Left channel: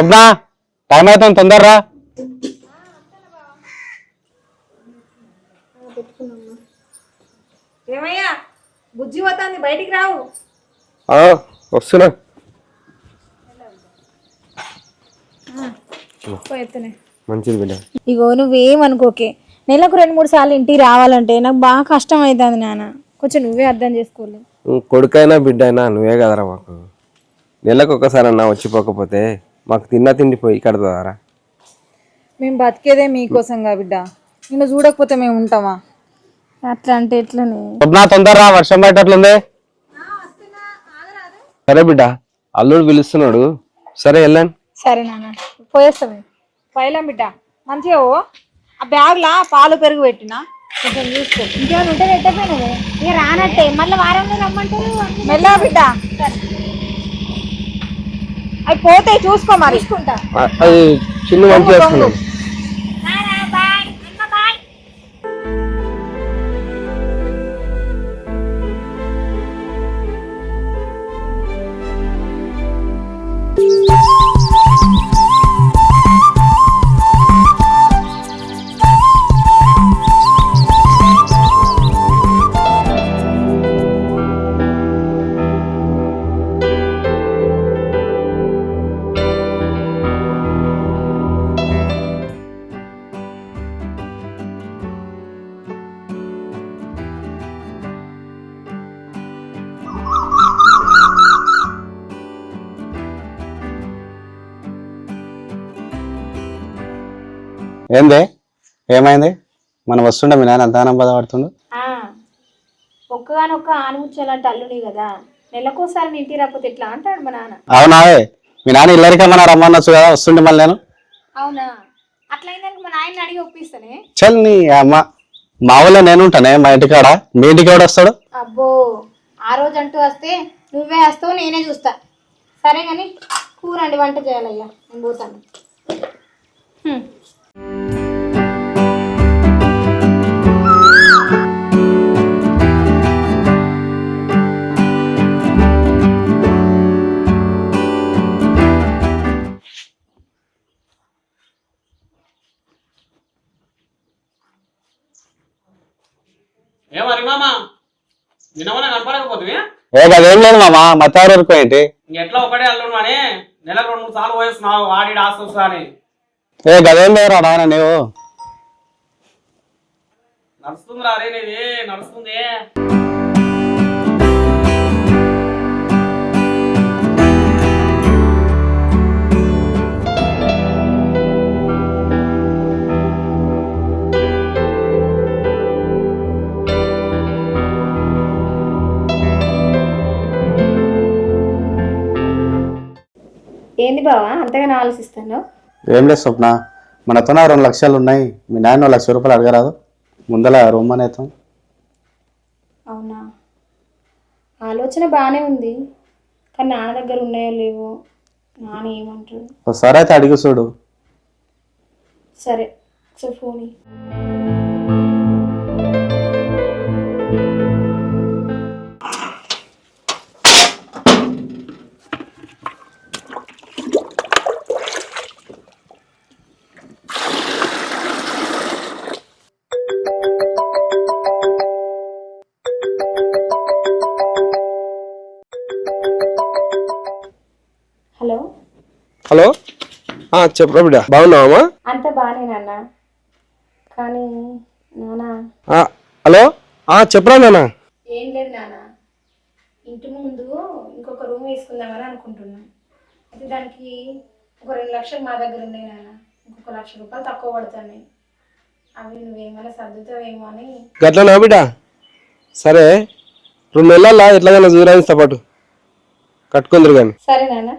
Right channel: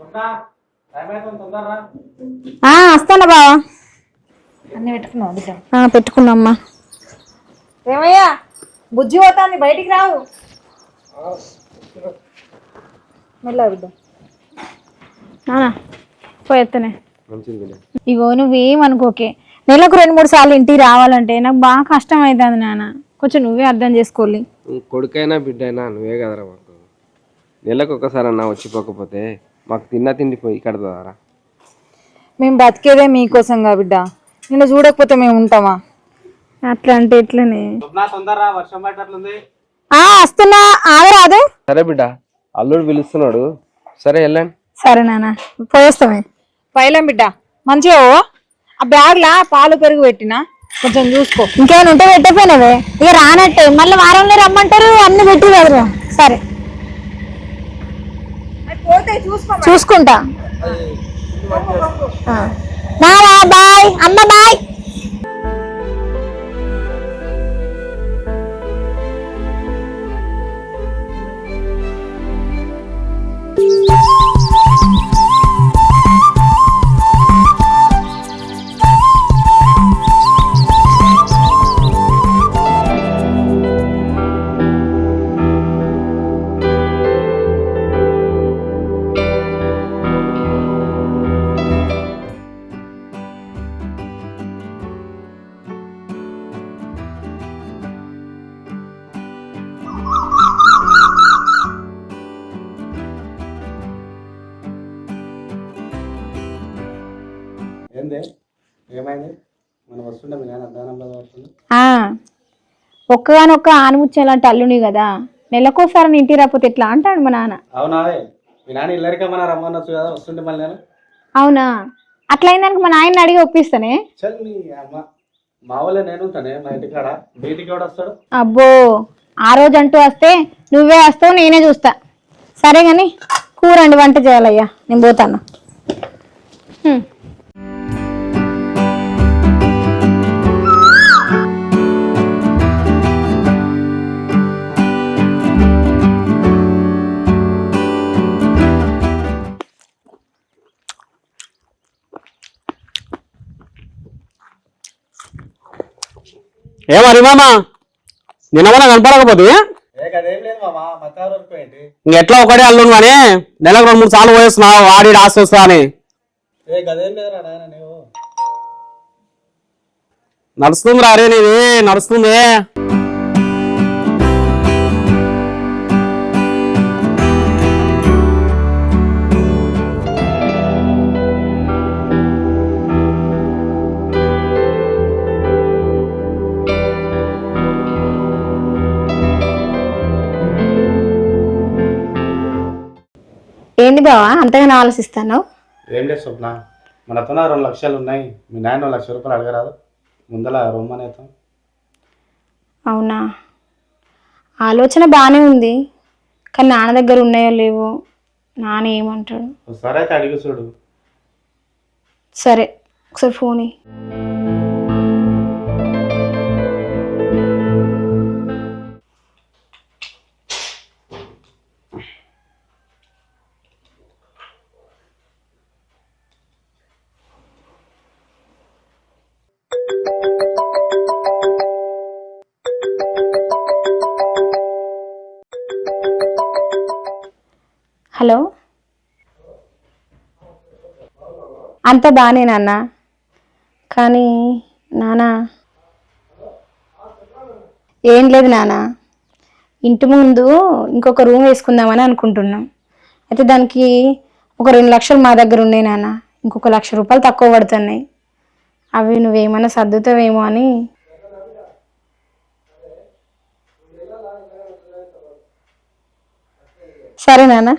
స్వప్న time అవుతుంది తొందరరా. వస్తానా బావా. అన్ని పెట్టుకున్నావు బిడ్డ? పెట్టుకున్నామ్మా. ఏమయ్యా బుజ్జి పోతాంది, బయటికి రావు. వస్తున్నా మెల్ల బిడ్డ. పోయేత్తనే. మంచిది బిడ్డ. ఇగో నువ్వేమనుకోకే, నెలకు 2-3 సార్లు ఇంటికి రావాలంటే నాకు బాగా కష్టం అవుతుంది నాన్న. కొంచెం నువ్వే అర్థం చేసుకోవాలి. కొడుకైనా బిడ్డ అయినా నువ్వే కదరా మాకు. నెలకు ఒక్కసారి అన్నా వచ్చిపోకపోతే మాకు తిండి పోయి కడతారా? మేము బతికేదే మీకోసంగా బిడ్డ, నిన్ను చూడకపోతే మేము ఉంటామా? అట్లా అంటే ఎట్లనే. తొందరరా, వర్షం పట్టట్లుంది. వస్తున్నా, ఆగరాదు. సరే బిడ్డ, అల్లుడు పిలుస్తున్నాడు. సరే వెళ్ళండి. సరే నాన్న, పోస్తామే. పైలం బిడ్డ మంచిగా ఆ బ్యాగ్లా పాలు పెరుగు పెట్టినా, కొంచెం చూసుకో. ఇంకేమైనా ఉంటే పెట్టకపోయినవే, ఇక రానట్టే మళ్ళీ వారంలో రమ్మంటారు, అన్ని పెట్టి. సరే అవి పోతే చూసుకుంటా. అది చిన్న మంచి వేసుకున్నాం. బాయ్ అమ్మ, బాయ్. ఏంది, ఏమైంది? మనం వస్తుండే మీ నాన్న అంత బాధపడుతుండు. ఒక్కగానొక్క ఆనుముచ్చాలంటే అల్లుని కదా, నెలకోసారి ఇంటికి రాకపోతే ఎట్లా అంటాడు మా నాన్న. అవునావే, మీ నాన్న ఇల్లరికమ్మన్నా రమ్మనొచ్చు కదా, వస్తుండే మళ్ళీ నేను. అవునా, అట్లయిందానికి మా నాయన్ని అడిగి ఒప్పిస్తానే. చల్ నీ అమ్మ, మా ఊళ్ళో నేను ఉంటానే, మా ఇంటికాడ. మీ ఇంటికి ఎవడు వస్తాడు? అబ్బో, ఆ రోజు అంటూ వస్తే నువ్వే వస్తావు, నేనే చూస్తా. సరే గాని కూరండి, వంట చేయాలయ్యా, నేను పోతాను. ఏమరి మామ, నిన్నమన్నా కనపడకపోతే? అదేం లేదు మామ, మత్తవారి వరకు ఏంటి, ఇంకెట్లా ఒకటే అల్లును కానీ నెలకు 2-3 సార్లు పోయేస్తున్నావు, వాడి ఆస్తా అని. గదేం లేదురా నాయన, నీవు నడుస్తుంది రారే, నీది నడుస్తుంది. ఏంది బావా అంతగానో ఆలోచిస్తాను? ఏం లేదు స్వప్న, మనతో 2 లక్షలు ఉన్నాయి, మీ నాయన 1 లక్ష రూపాయలు అడగరాదు, ముందల రూమ్ అనేతాం. అవునా, ఆలోచన బాగానే ఉంది, కానీ నాన్న దగ్గర ఉన్నాయో లేవో, నాన్న ఏమంటాడు. ఒకసారి అయితే అడిగి చూడు. సరే, ఒకసారి ఫోన్ ఇయ్యి. హలో హలో, చెప్పరా బిడ్డ, బాగున్నావా? అంత బాగానే నాన్న, కానీ నాన్న. హలో, చెప్పరా నాన్న. ఏం లేదు నాన్న, ఇంటి ముందు ఇంకొక రూమ్ వేసుకుందామని అనుకుంటున్నాం. అయితే దానికి ఒక 2 లక్షలు మా దగ్గర ఉన్నాయి నాన్న, ఇంకొక 1 లక్ష రూపాయలు తక్కువ పడుతున్నాయి. అవి నువ్వేమన్నా సర్దుతావేమో అని. గట్లనా బిడ్డ? సరే, 2 నెలల్లో ఎట్లాగైనా జూరాయిస్తా పాటు కట్టుకుందరు కానీ. సరే నాన్న.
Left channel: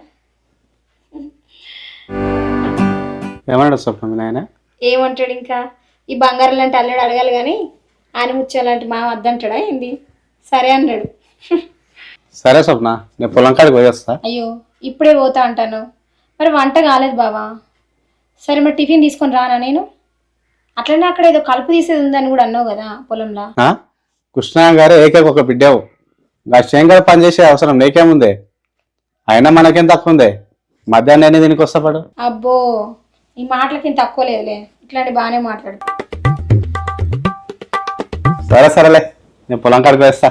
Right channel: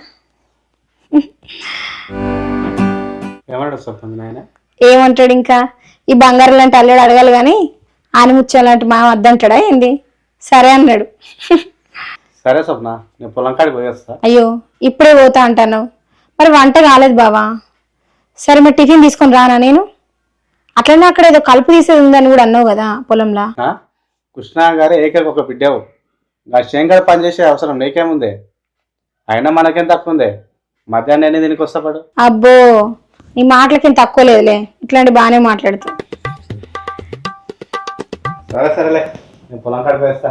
ఏమన్నాడు స్వప్న నాయన? ఏమంటాడు ఇంకా, ఈ బంగారం లాంటి అల్లుడు అడగాలి కానీ ఆనిముచ్చాలంటే మా వద్దంటాడా ఏంది? సరే అన్నాడు. సరే స్వప్న, నేను పొలం కాడికి పోయేస్తా. అయ్యో, ఇప్పుడే పోతా అంటాను, మరి వంట కాలేదు బావా. సరే మరి టిఫిన్ తీసుకొని రానా నేను? అట్లనే అక్కడ ఏదో కలుపు తీసేది ఉందని కూడా అన్నావు కదా పొలంలో. కృష్ణ గారు ఏకైక ఒక బిడ్డవు, శంకర్ పని చేసే అవసరం నీకేముంది? అయినా మనకేం తక్కువ ఉంది, మధ్యాహ్నం ఎన్ని దీనికి వస్తా పడు. అబ్బో నీ మాటలకేం తక్కువ లేదులే, ఇట్లాంటి బాగానే మాట్లాడుతూ. సరేలే, నేను పొలం కాడికి వేస్తా.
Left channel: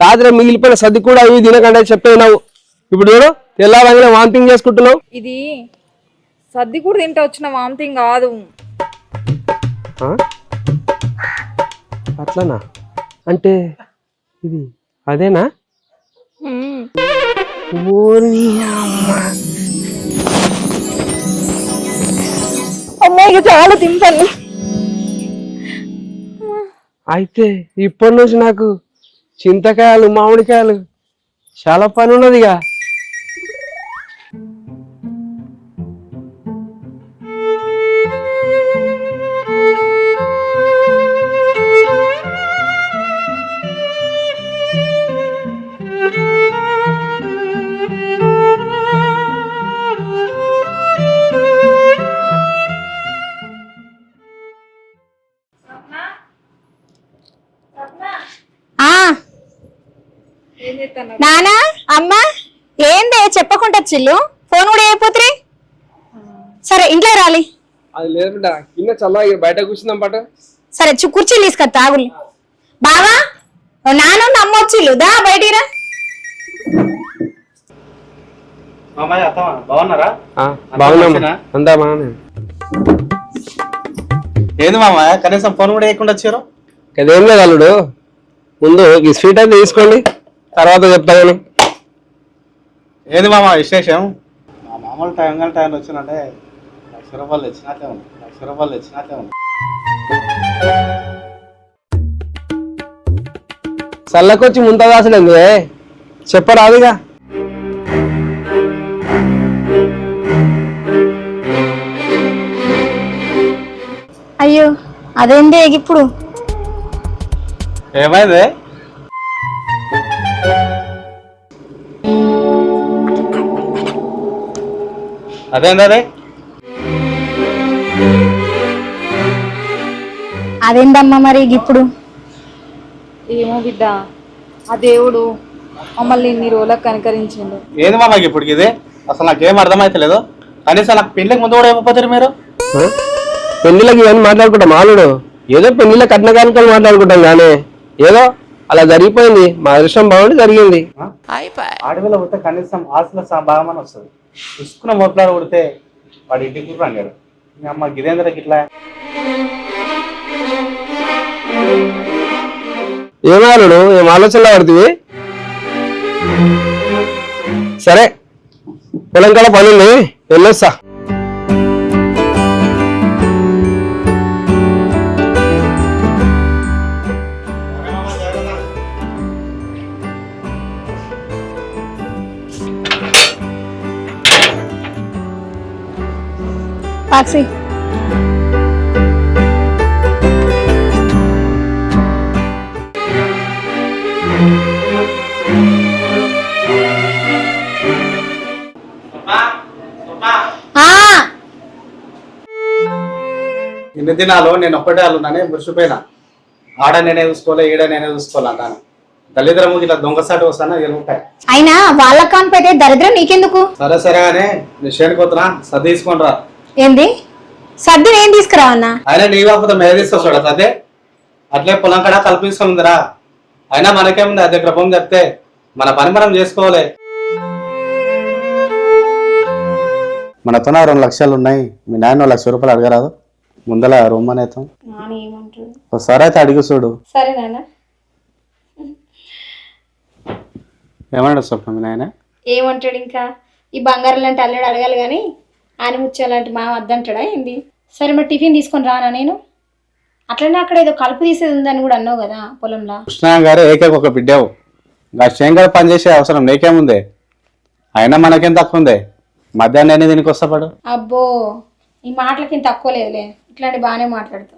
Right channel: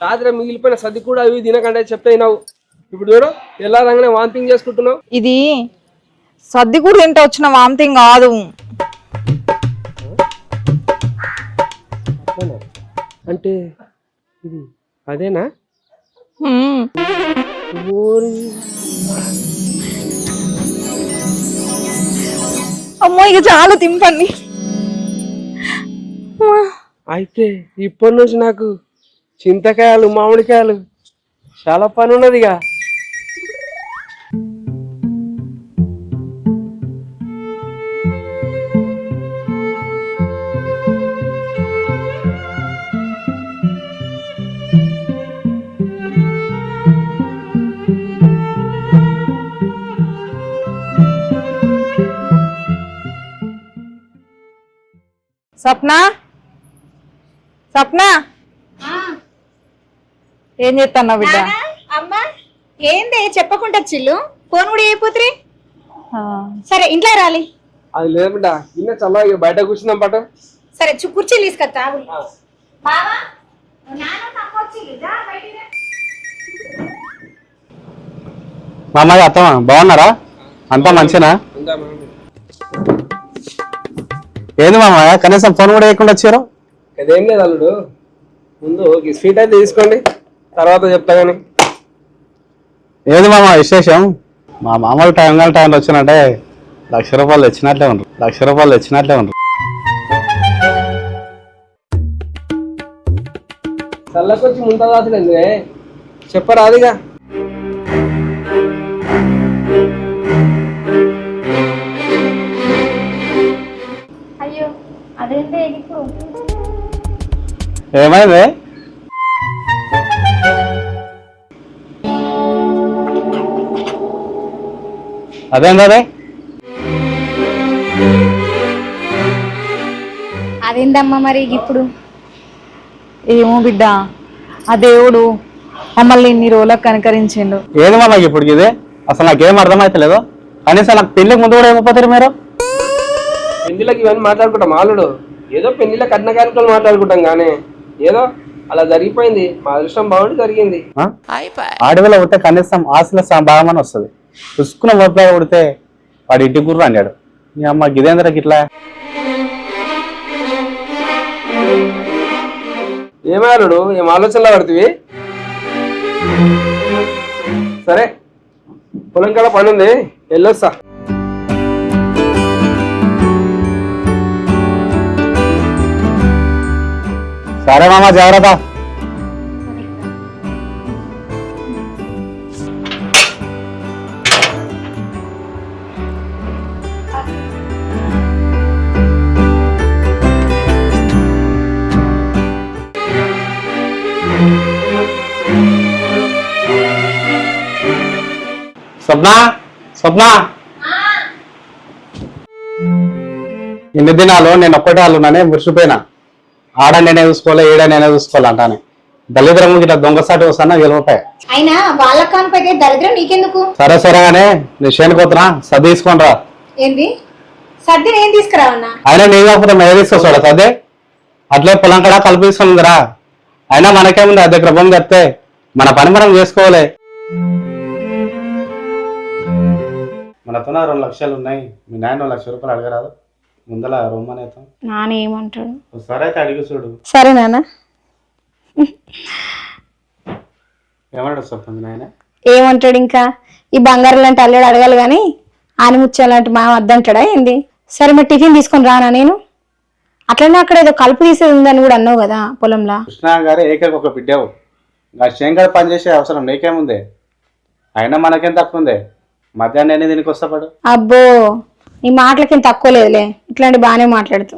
రాత్రి మిగిలిపోయిన సర్ది కూడా ఇవి తినకండి చెప్పేనావు. ఇప్పుడు చూడు ఎలా వామిటింగ్ చేసుకుంటున్నావు. ఇది సర్ది కూడా తింటే వచ్చిన వామిటింగ్ కాదు. అట్లనా? అంటే ఇది అదేనా? అమ్మాయికి చాలా తింపండి. అయితే ఇప్పటి నుంచి నాకు చింతకాయలు మామిడికాయలు చాలా పని ఉన్నదిగా. స్వప్న స్వప్న ఏం చేస్తున్నావు? నానా అమ్మా ఏందే చెప్పకుండా చిల్లు, ఫోన్ కూడా అయిపోతుంది. సరే ఇంట్లో రాలి. అది లేదు బిడ్డ, ఇన్న చల్లగా బయట కూర్చుందాం పట. సరే కుర్చీలు తీసుకొస్తా ఆగులు. బావా నాన్న అమ్మ వచ్చిల్లు, దా బయటికి రా. మామయ్య అత్తమా బాగున్నారా? అంతా మంచినా? అంతా బాగానే. ఏంది మామయ్య కనీసం ఫోన్ కూడా వేయకుండా వచ్చారు? అదేం లేదు అల్లుడు, ముందు ఈ స్వీట్ అయితే తీసుకోండి, తర్వాత చెప్తాను. ఏంది మామ విశేషం? మా మామూలు టైంలో వచ్చినట్టే ₹1,00,000 తెచ్చినట్లే ఉండరు, ₹1,00,000 తెచ్చినట్లే ఉండరు. చల్లకొచ్చి ముంతదాసుడు ఎందుకే చెప్పరాదుగా. అయ్యో అదేంటి ఇప్పుడు ఏమైంది? అదేంటే అదేంటమ్మా మరి ఇప్పుడు? ఏమో బిడ్డ, ఆ దేవుడు మమ్మల్ని ఇన్ని రోజులకు కనికరించిండు. ఏంది మామ ఇప్పుడు ఇది? అసలు నాకేం అర్థమైతలేదు. కనీసం నాకు పెళ్లికి ముందు కూడా ఏమైపోతారు మీరు? పెళ్లిళ్ళకి ఇవన్నీ మాట్లాడుకుంటాం మాలుడు, ఏదో పెళ్లిళ్ళ కట్న కానుకలు మాట్లాడుకుంటాం కానీ ఏదో అలా జరిగిపోయింది. మా అదృష్టం బాగుండి జరిగింది. ఆడవేళ ఉంటే కనీసం ఆశల భాగమని వస్తుంది. చూసుకున్న మొత్తం ఉడితే వాడి ఇంటి గుర్రు అన్నాడు. మీ అమ్మ గిదేంద్రకి ఇట్లా ఏమాలుడు ఏం ఆలోచనలో పడుతుంది. సరే పొలం కల పనుంది, వెళ్ళొస్తా. సరే మామ జాగ్రత్త. టాక్సీ స్వప్న ఇన్ని దినాలు నేను ఒక్కటే అల్లున్నానే మురిసిపోయినా. ఆడ నేనే చూసుకోలే, ఈడ నేనే చూసుకోలే అంటానే. దళిద్రము ఇట్లా దొంగసాటి వస్తానా ₹10. అయినా వాళ్ళ కానిపోతే దరిద్రం నీకెందుకు? సరే కానీ నీ చేనుకోతున్నా సర్ది తీసుకొని రా. ఏంది సర్ది నేను తీసుకురావన్నా? అయినా నీ కాకపోతే మేము తీసుకొస్తాడా సర్దే? అట్లే పొలం కడ కలుపు తీసుకుందిరా. అయినా మనకేముంది, అది దగ్గర బొమ్మ తెస్తే మన పని మనం చేసుకోవాలి. మనతోనే 2 లక్షలు ఉన్నాయి. మీ నాయన ₹1,00,000 అడగరాదు? ముందల రూమ్ అనేతాం. నాన్న ఏమంటాడు? ఒకసారి అయితే అడిగి చూడు. సరే నాన్న. ఏమన్నాడు స్వప్న మీ నాయన? ఏమంటాడు ఇంకా? ఈ బంగారం లాంటి అల్లుడు అడగాలి కానీ ఆనిముచ్చాలంటే మా వద్దంటాడా ఏంది? సరే మరి టిఫిన్ తీసుకొని రానా నేను? అట్లనే అక్కడ ఏదో కలుపు తీసేది ఉందని కూడా అన్నావు కదా పొలంలో. కృష్ణ గారు ఏకైక ఒక బిడ్డవు. శంకర్ పని చేసే అవసరం నీకేముంది? అయినా మనకేం తక్కువ ఉంది? మధ్యాహ్నం దీనికి వస్తా పడు. అబ్బో నీ మాటలకి తక్కువ లేదులే, ఇట్లాంటి బాగానే మాట్లాడుతూ.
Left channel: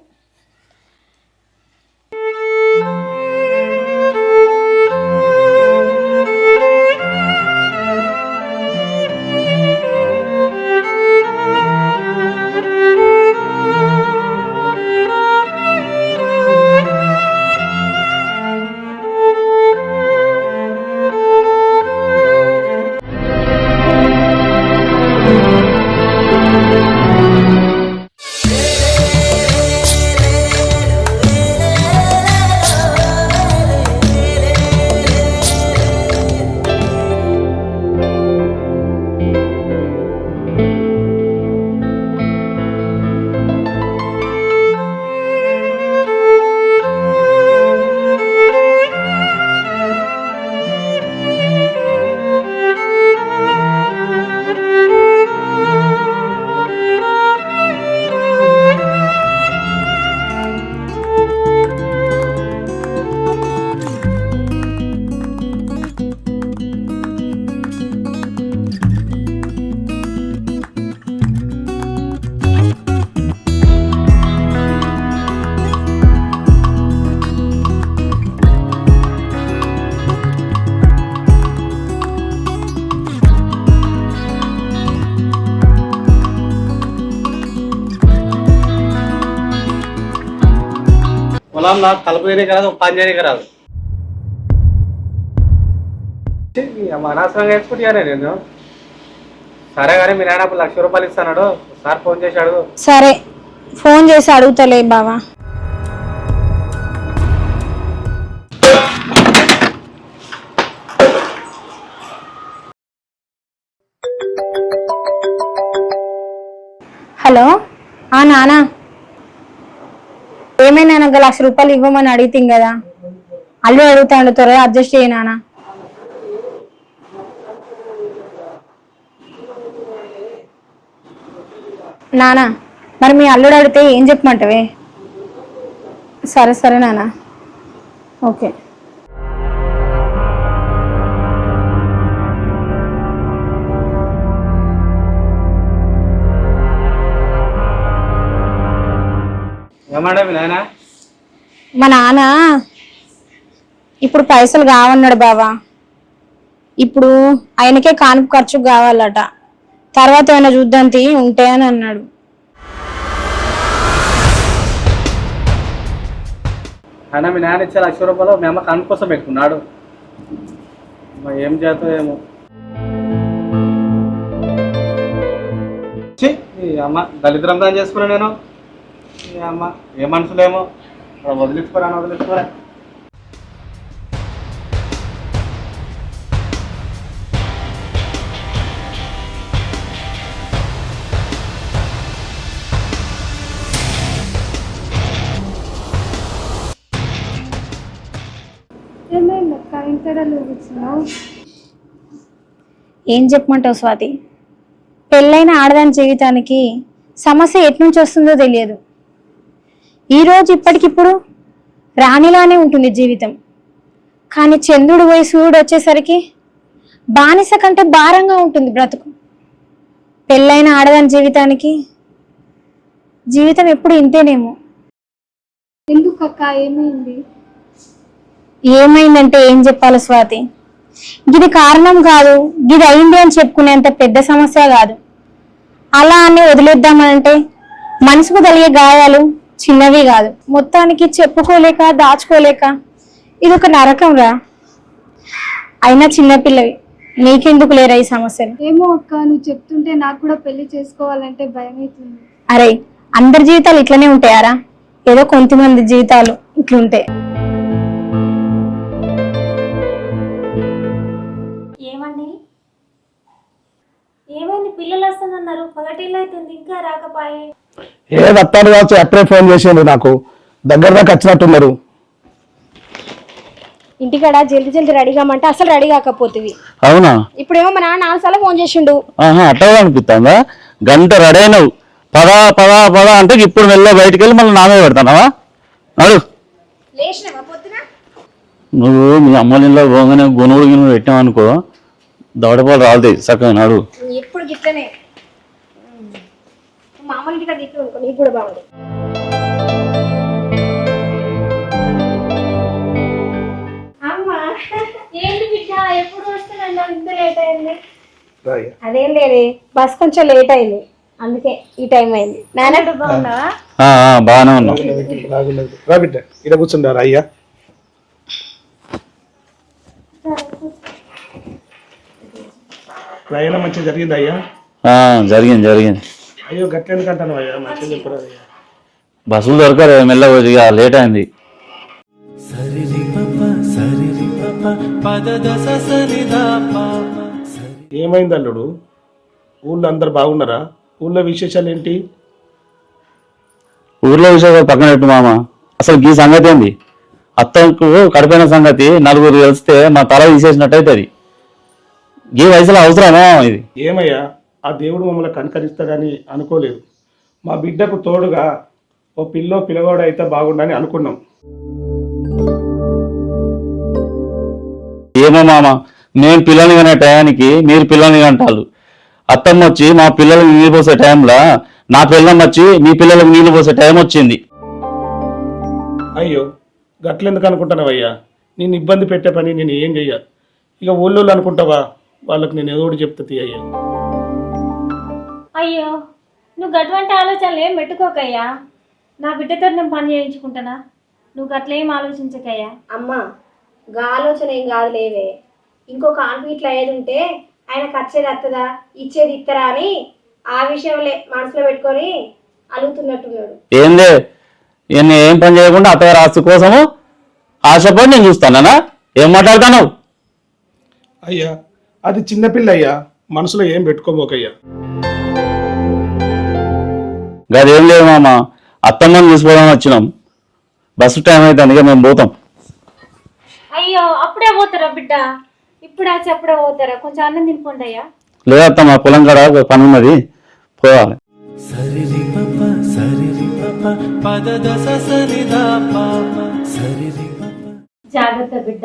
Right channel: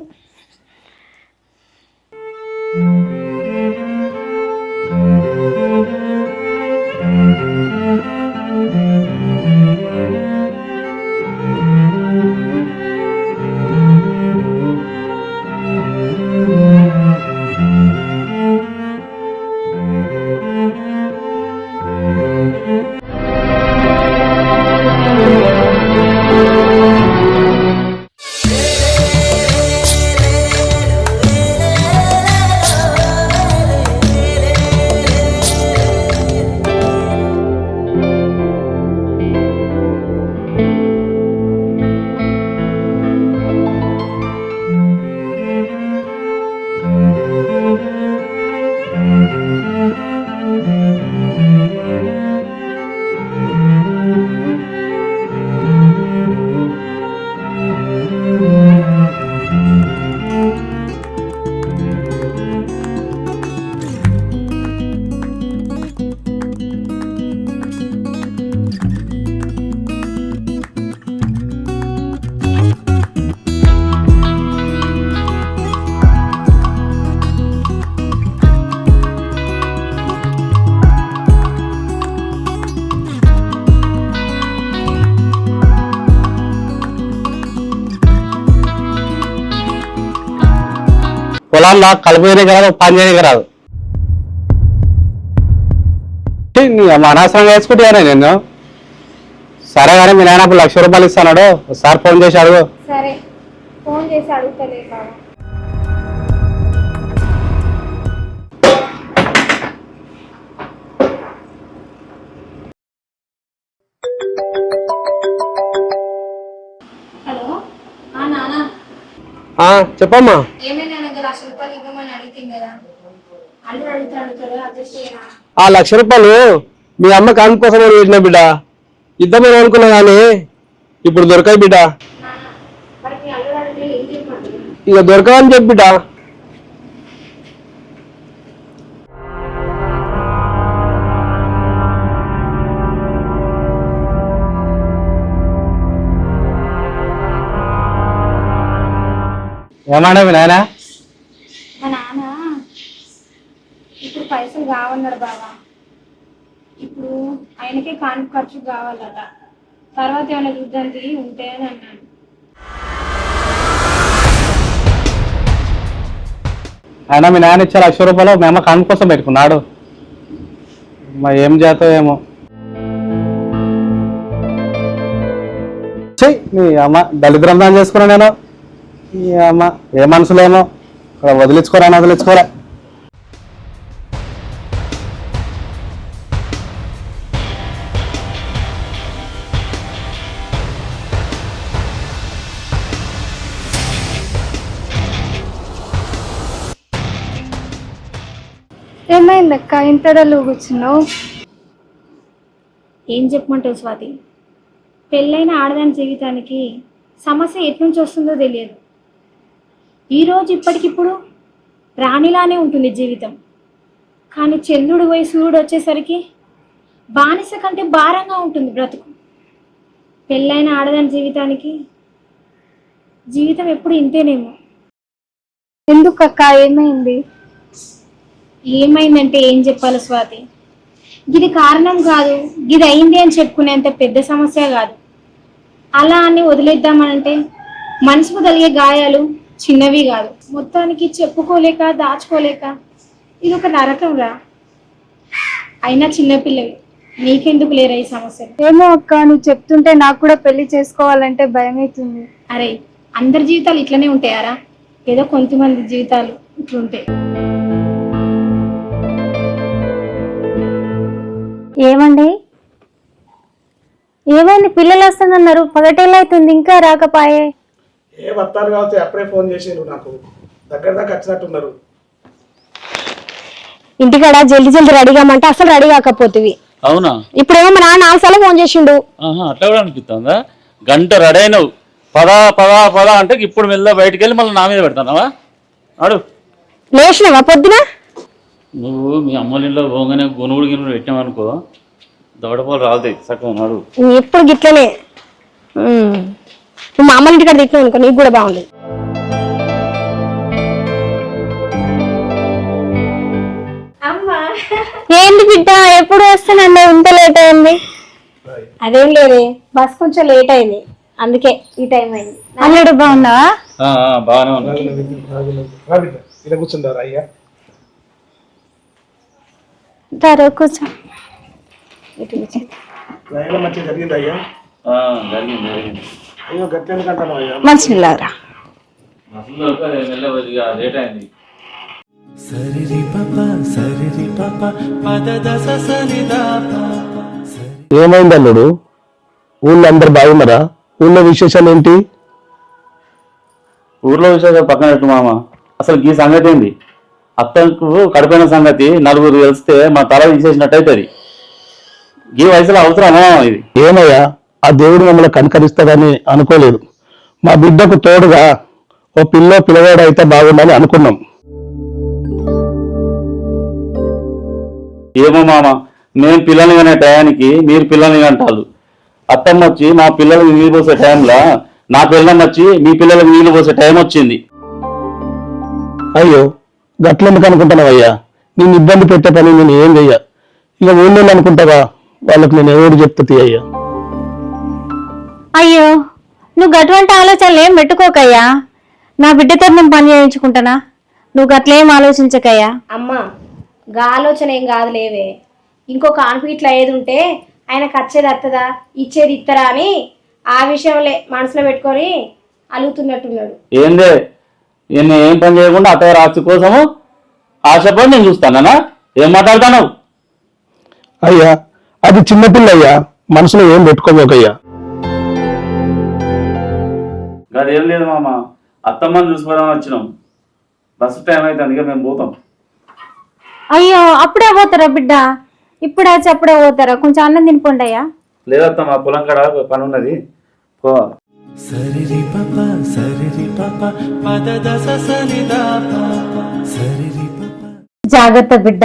పొలాల్లో కలుపు చేయడానికి రాదు, పని చేయడానికి రాదు. అనవసరంగా వేసుకుంటారా నేను? సరే కానీ మీ నాయన 1,00,000 రూపాయలు ఇస్తాడు, సార్ ఫోన్ చేసి అడుగు. సరే ఫోన్ చేసి అడుగుతలే బావా. హలో నానా, చెప్పమ్మా. ఏమైనా నాకు 1,00,000 రూపాయలు ఇవ్వమని అడిగితే కదా, అల్లు అడుగుతాడు, త్వరగా అడ్జస్ట్ చేయనా. ఆ 1,00,000 రూపాయలు మీ అమ్మ కాను కోసం పెట్టిన బిడ్డ, ఇద్దామని అనుకున్నా కానీ ఇప్పుడు దొరకాయి బిడ్డ. నానా మరి మీ అల్లుడు అడిగితే ఏం చెప్పమంటావే? ఇక దొరకవని చెప్పి బిడ్డ. సరే సరే నానా, ఓకే. ఏమన్నా మీ నాయన? మా నాన్న ఇప్పుడు పైసలు కావన్నాడు బావా. ఇప్పుడు ఆయనకే కానుపు ఖర్చు కావాలట, తర్వాత ఏమైనా చూద్దాం ఉంటే అని అన్నాడు. అయినా మీ నాయన ఇచ్చే 1,00,000 రూపాయలు మీ అమ్మ కాను కోసం పెట్టుకున్నాడు. మరి ఏం చేస్తావు ఏమో. మీ అమ్మ దళిద్రం దాని చేసుకున్నా నేను. మీ అమ్మ ఏ మనసులేమో వదిలించుకోరా, వదిలించుకోరా. ఏమైందక్క ఇంతడలో కూర్చున్నావు? ఏం చెప్పమంటావు స్వాతి, పెళ్ళైన ఆడదాని జీవితానికి సమస్య ఎట్నుంచి వస్తుందో తెలియదు. ఈరోజు ఇప్పటికిప్పుడు రాణిలానే ఉంటుంది జీవితం, కానీ చంద్రుడు పోయి సూర్యుడు వచ్చేసరికి బానిస కంటే భారంగా ఉంటుంది బ్రతుకు. పెళ్ళైన ఆడదాని జీవితానికి జీవితం ఎప్పుడు ఇంతేనేమో. ఎందుకక్క ఏమైంది? ఏమైందంటే ఏం చెప్పాలి స్వాతి, ఇది కారణం కాదు, ఇది అయింది అని చెప్పుకునేంత పెద్ద సమస్య కాదు. అలా అని వదిలేద్దామనంటే మనసుకు కలిగే గాయాలు చిన్నవి కాదు. మొత్తానికి చెప్పుకోలేక దాచుకోలేక ఇది ఒక నరకం రా. అయినా చిన్నపిల్లవి, నీకెందుకు లేరా ఈ సమస్యలు? ఏమో అక్క, నువ్వు చెప్తుంటే నాకు కూడా పెళ్లి చేసుకోవాలంటే భయమవుతుంది. అరే అందరి జీవితాలు ఇట్లనే ఉంటాయారా? ఏదో కొంతమంది జీవితాలు ఇట్లుంటాయి. ఏమండి ఏమైంది? పిల్లలు వస్తుందన్నారు, పగటేళ్ళైతుంది ఇంకా రాకపాయే. వస్తాడు కావచ్చు, అప్పుడే ఫోన్ చేసిండు నాకు, దగ్గర దాకా వచ్చినట్టున్నారు. ఇంటికాడ జల్దీ జల్దీ రెడీ కామంటే అసలు రెడీ కాకపోతుంది. అవునా? ఇప్పుడేమో మా నాన్న 4 సార్లు ఫోన్ చేసిండు. అట్లా అనిపిస్తుందా? గంట రెడీ అయినావు, పదా అంటే ఇప్పుడు వెళ్ళా బయటికి వెళ్ళి మళ్ళీ నా మీద పెడతానావా? అడు లేచినావా పొద్దున? నువ్వు మీ అమ్మ నీళ్ళ పోగానే గునుగుడు గిన్నె పెట్టావనుకో, దవడపాలు రాలుతాయి చక్కగా నాడు. ఎప్పుడు గిట్లనే నువ్వు మా అమ్మ ఇంటికాడ తిట్టినావు అనుకో నీకు కూడా బాగుంది. ఏంటి బిడ్డ ఎప్పుడు వస్తానండి ఇంత లేట్ అయింది? అదేం లేదు బస్ కొంచెం లేట్ అయింది అందుకే ఈ టైం అయింది. నాలుగు బాగున్నావా? బాగానే ఉన్నా. ఇలా కూర్చుంటారా అయ్యా? కూర్చో. ప్రయాణం మంచిగా జరిగింది అయ్యా? జరిగింది. అయ్యో గట్ల ఎందుకంటాను అయ్యా? మంచిగా బస్సులు దొరకరు మెల్లగా లేట్ అయింది. ఏమైంది అల్లుడు? ఊళ్ళో అందరు బాగున్నారా? ఊళ్ళో విశేషాలు ఏంటి? ఊర్లో విషయాలు పక్కన పెట్టు మామ, అసలు ఈ సంగతి ఏంది? అత్తకు కడిపోయిన సంగతి నలుగురు కలిస్తే మా తల తీసేసినట్టు అవుతుంది. ఈ వయసులో అవసరమా ఇది? ఏమయ్యా, ఆ దేవుడు మమ్మల్ని కనికరిస్తాడని అనుకోలేదు. మా బిడ్డకు తోడుగా ఓ పిల్లవాడు అయితే బాగుండని అనుకున్నాం. ఏమో మామ, మేము పిల్లల్ని అనే టయానికి మీరు పిల్లల్ని అంటారు. అత్తమ్మ వచ్చి మా పిల్లలకి నీళ్ళు పోసే టైంలో నా పిల్లలు వచ్చి మీ పిల్లలకి నీళ్ళు పోసే టైం వచ్చింది. అయ్యో గట్లెందుకు అనుకుంటున్నావయ్యా? నేను ఇబ్బంది పెట్టే పని నేను ఏం చెయ్యా. ఇక ఊళ్ళో అనుకుంటావా? వాళ్ళకి నేను ఎవరు చెప్తుంది అయ్యా? అయ్యో నువ్వు గటువంటి ఆలోచనలు ఏం పెట్టుకోకయ్యా. నా బిడ్డతో నేను పని చేయించుకుంటానా? నువ్వు గట్లేం ఆలోచించకయ్యా. అమ్మా గా ఆలోచన ఏం కాదు లేవే. ఇంకొక ఆన్పు ఇట్లా ఏది ఉంటే ఆయనకు వచ్చేది వస్తుందా ఇచ్చేది ఇస్తారా అని ఆ విషయంలో మనసులో పెట్టుకొని అలుగుతున్నట్టున్నాడు. ఏందే ఈయన్ని ఏం పని చేయకుండా అత్తయ్య రాసి కోసము ఆశపడి నేను చూస్తానా? ఏం మాట్లాడతాను? అయ్యా అది చిన్నపిల్ల అయ్యా, మనసులో ఏం పెట్టుకోబోకయ్యా. గదేం లేదు మామ, అత్తమ్మని చూసుకోవడానికి వచ్చినాం. బస్సు టైం అయితే అందుకే మేము పోతాం. అయ్యో అప్పుడే పోతారా బిడ్డ? ఇప్పుడే వచ్చి అప్పుడే పోతారా? కొంచెం అన్నం తినిపోండి అయ్యా. లేదత్తమ్మ, పొలం కాడ పని ఉన్నది, పోవాలి. జాగ్రత్త బిడ్డ,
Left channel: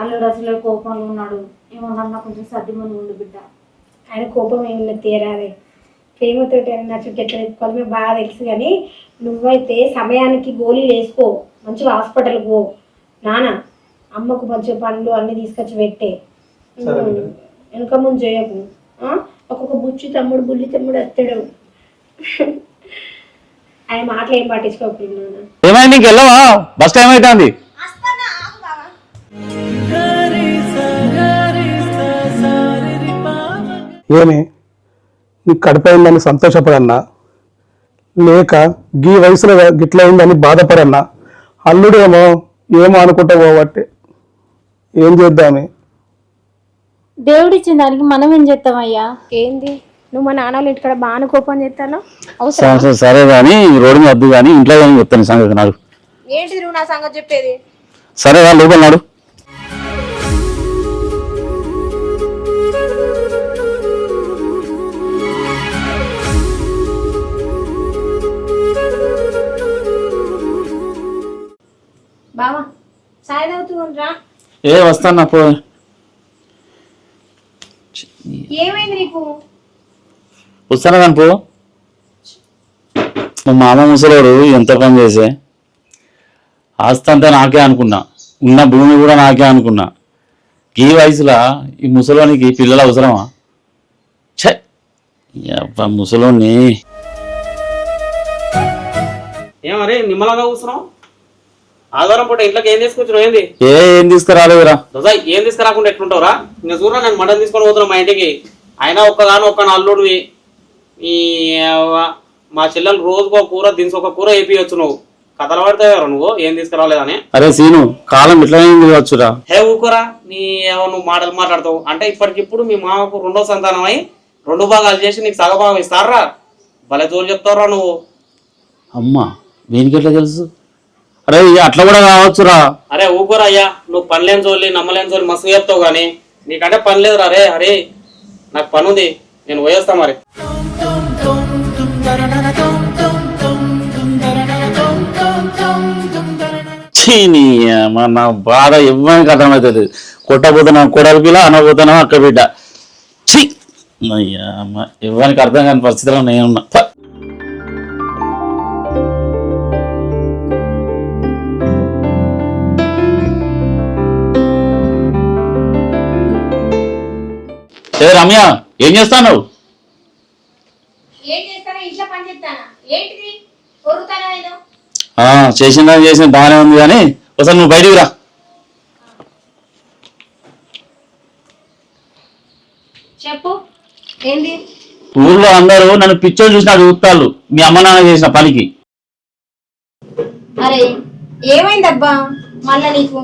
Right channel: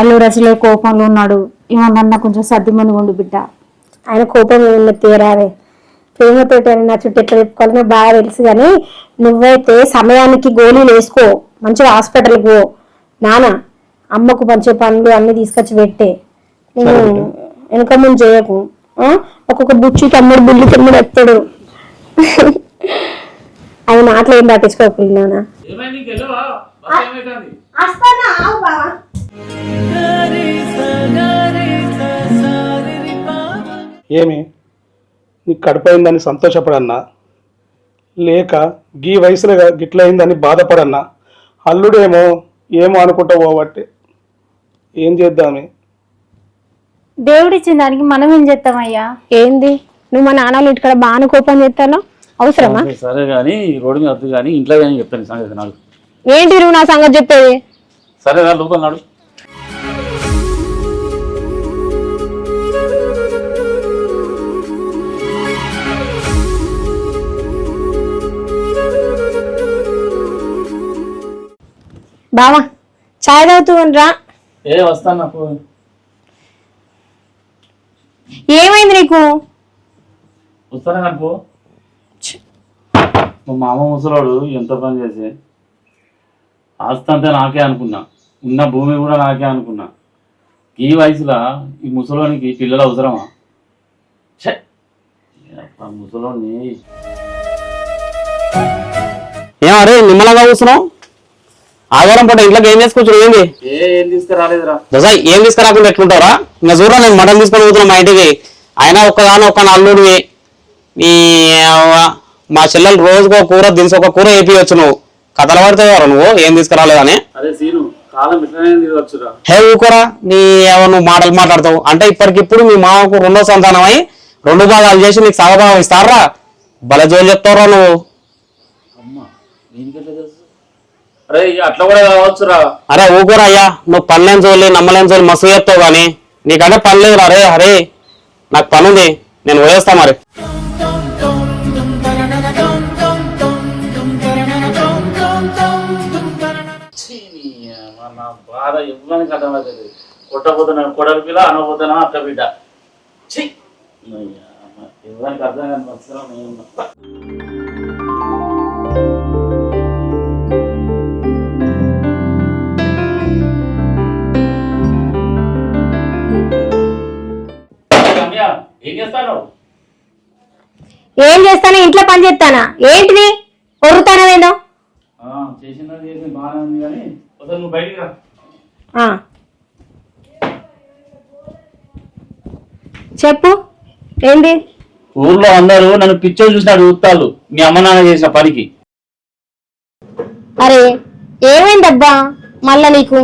అల్లుడు అసలే కోపంలో ఉన్నాడు. ఏమన్నా కొంచెం సర్దిమని ఉండు బిడ్డ. ఆయన కోపం ఉన్న తీరారే, ప్రేమతోటి అని నా చుట్టూ ఎట్లా చెప్పుకోవాలని బాగా తెలుసు. కానీ నువ్వైతే సమయానికి గోళీలు వేసుకో, మంచిగా హాస్పిటల్కి పో. నాన్న అమ్మకు మంచి పండ్లు అన్ని తీసుకొచ్చి పెట్టే. వెనక ముందు చేయకు. ఒక్కొక్క బుచ్చి తమ్ముడు బుల్లి తమ్ముడు ఎత్తాడు. ఆయన మాటలు ఏం పట్టించుకోకుండా నాన్న. ఏమైంది ఇంకెళ్ళవా? బస్ టైం అవుతుంది. ఏమి నీకు కడిపోయిందని సంతోషపడన్నా, లేక గీ వయసులో గిట్ల అయిందని బాధపడన్నా? అల్లుడేమో ఏమో అనుకుంటా పోబట్టి ఏం చేద్దామే? దేవుడిచ్చిన దానికి మనం ఏం చేస్తామయ్యా? ఏంది నువ్వు మా నాన్న ఇంటికాడ బాగా కోపం చేస్తాను అవసరం? సరే కానీ రోడ్డు మీద వద్దు కానీ ఇంట్లో కానీ చెప్తాను సంగతి. నాకు ఏంటి నువ్వు నా సంగతి చెప్పేది? సరే వాళ్ళు లోపల నాడు. బావా చాయ్ తాగుతూ రా. వస్తాను పో. ఏమైంది నీకు? వస్తాను కానీ పో. మా మామ ముసలోడు ఎంత పని చేసే ఆస్తి అంతా నాకే అనుకున్నా, ఉన్న భూమి కూడా నాకే అనుకున్నా. ఈ వయసులో ఈ ముసలోనికి పిల్లలు అవసరమా? ఛే ముసలోని ఏమరే నిమ్మలంగా కూర్చున్నావు? ఆదివారం పూట ఇంట్లోకి ఏం చేసుకొచ్చు? ఏంది ఏం తీసుకురాలేదురా? దోసాయి ఏం తీసుకురాకుండా ఎట్లుంటావురా? ఇంకా చూడ నేను మటన్ తీసుకొని పోతున్నా మా ఇంటికి. అయినా ఒక్క అల్లుడివి. ఈ మా చెల్లెలు రోజుకో కూర దినిసి ఒక కూర వేపియొచ్చు. నువ్వు కథలు పడితే నువ్వు ఏం తీసుకురాలేదని. అరే సీను, కాలం ఇట్లా వచ్చురా. హే ఊకోరా, నువ్వు మాటలు మాట్లాడతావు అంటే ఇప్పటికిప్పుడు మీ మామకు 2వ సంతానం అయి 2 భాగాలు చేసి నీకు సగభాగం ఇస్తారా? భలే జోలు చెప్తావురా నువ్వు. అమ్మా దీనికి ఎట్లా తెలుసు? అరే అట్లా కూడా కావచ్చురా. అరే ఊకోరా అయ్యా, నువ్వు పనిలేని చోళ్ళి నమ్మలేని చోళ్ళు మస్తు చెప్తావు కానీ నీకంటే పని లేదు. అరే అరే నాకు పని ఉంది, నేను పోయేస్తా మరి. నా బాధ ఇవ్వడానికి అర్థమవుతుంది. కొట్టబోతున్నా కొడలి పిల్ల, అనబోతున్నా అక్క బిడ్డ. ఛీ అయ్యా ఎవరికి అర్థం కాని పరిస్థితిలో నేనున్నా ప. ఏ రమ్య ఏం చేస్తావు? ఏం చేస్తానా, ఇంట్లో పని చేస్తానా? ఏంటిది పొరుతానవేందో? చేసిన బాగానే ఉంది కానీ ఒకసారి నువ్వు బయటికి రా. చెప్పు ఏంది? ఊర్లో అందరూ నన్ను పిచ్చోలు చూసిన చూస్తాళ్ళు మీ అమ్మ నాన్న చేసిన పనికి. అరే ఏమైందబ్బా మళ్ళా నీకు?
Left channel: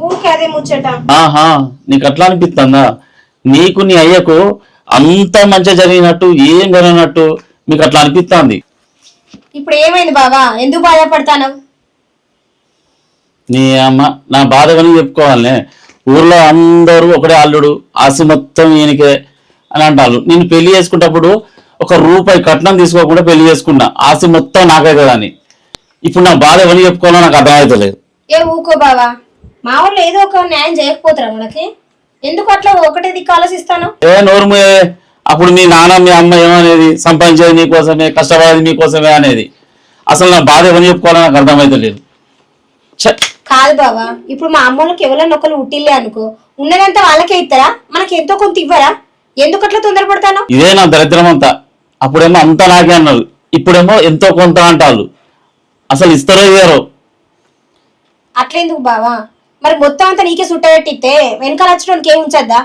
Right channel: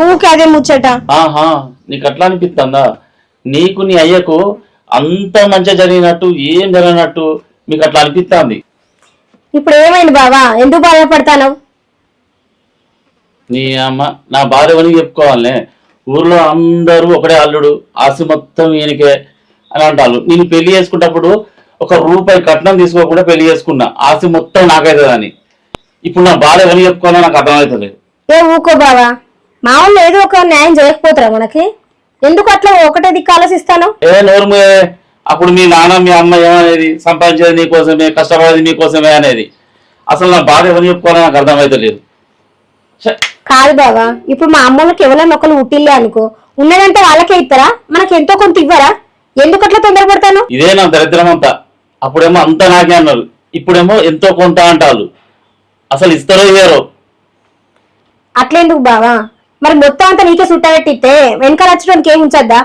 ఊకే అదే ముచ్చట. నీకు అట్లా అనిపిస్తుందా? నీకు నీ అయ్యకు అంత మంచిగా జరిగినట్టు ఏం జరిగినట్టు మీకు అట్లా అనిపిస్తుంది. ఇప్పుడు ఏమైంది బావా? ఎందుకు బాధపడతాను? నీ అమ్మ నా బాధ అని చెప్పుకోవాలనే. ఊర్లో అందరూ ఒకటే అల్లుడు, ఆస్తి మొత్తం ఈయనకే అని అంటాను. నేను పెళ్లి చేసుకున్నప్పుడు ₹1 కట్నం తీసుకోకుండా పెళ్లి చేసుకున్నా, ఆస్తి మొత్తం నాకైతుందని. ఇప్పుడు నా బాధ ఎవరు చెప్పుకోవాలో నాకు అర్థమవుతలేదు. ఏ ఊకో బావా, మా వాళ్ళు ఏదో ఒక న్యాయం చేయకపోతారా మనకి? ఎందుకు అట్లా ఒకటే దిక్కు ఆలోచిస్తాను? నోరుమే. అప్పుడు మీ నాన్న మీ అమ్మ ఏమనేది? సంపాదించేది నీకోసమే, కష్టపడేది నీకోసమే అనేది. అసలు నా బాధ ఎవరు చెప్పుకోవాలో నాకు అర్థమవుతలేదు. కాదు బావా, ఇప్పుడు మా అమ్మలకి ఎవరైనా ఒకరు ఉట్టిల్లే అనుకో, ఉన్నదంతా వాళ్ళకే ఇస్తారా? మనకి ఎంతో కొంత ఇవ్వరా? ఎందుకు అట్లా తొందరపడతాను? ఇదే నా దరిద్రం అంతా. అప్పుడేమో అంతా నాకే అన్నారు, ఇప్పుడేమో ఎంతో కొంత అంటారు. అసలు ఇస్తారో ఇవ్వరో? అట్లెందుకు బావా? మరి మొత్తం అంతా నీకే సుట్టబెట్టిస్తే వెనక నచ్చడానికి ఏం ఉంచద్దా?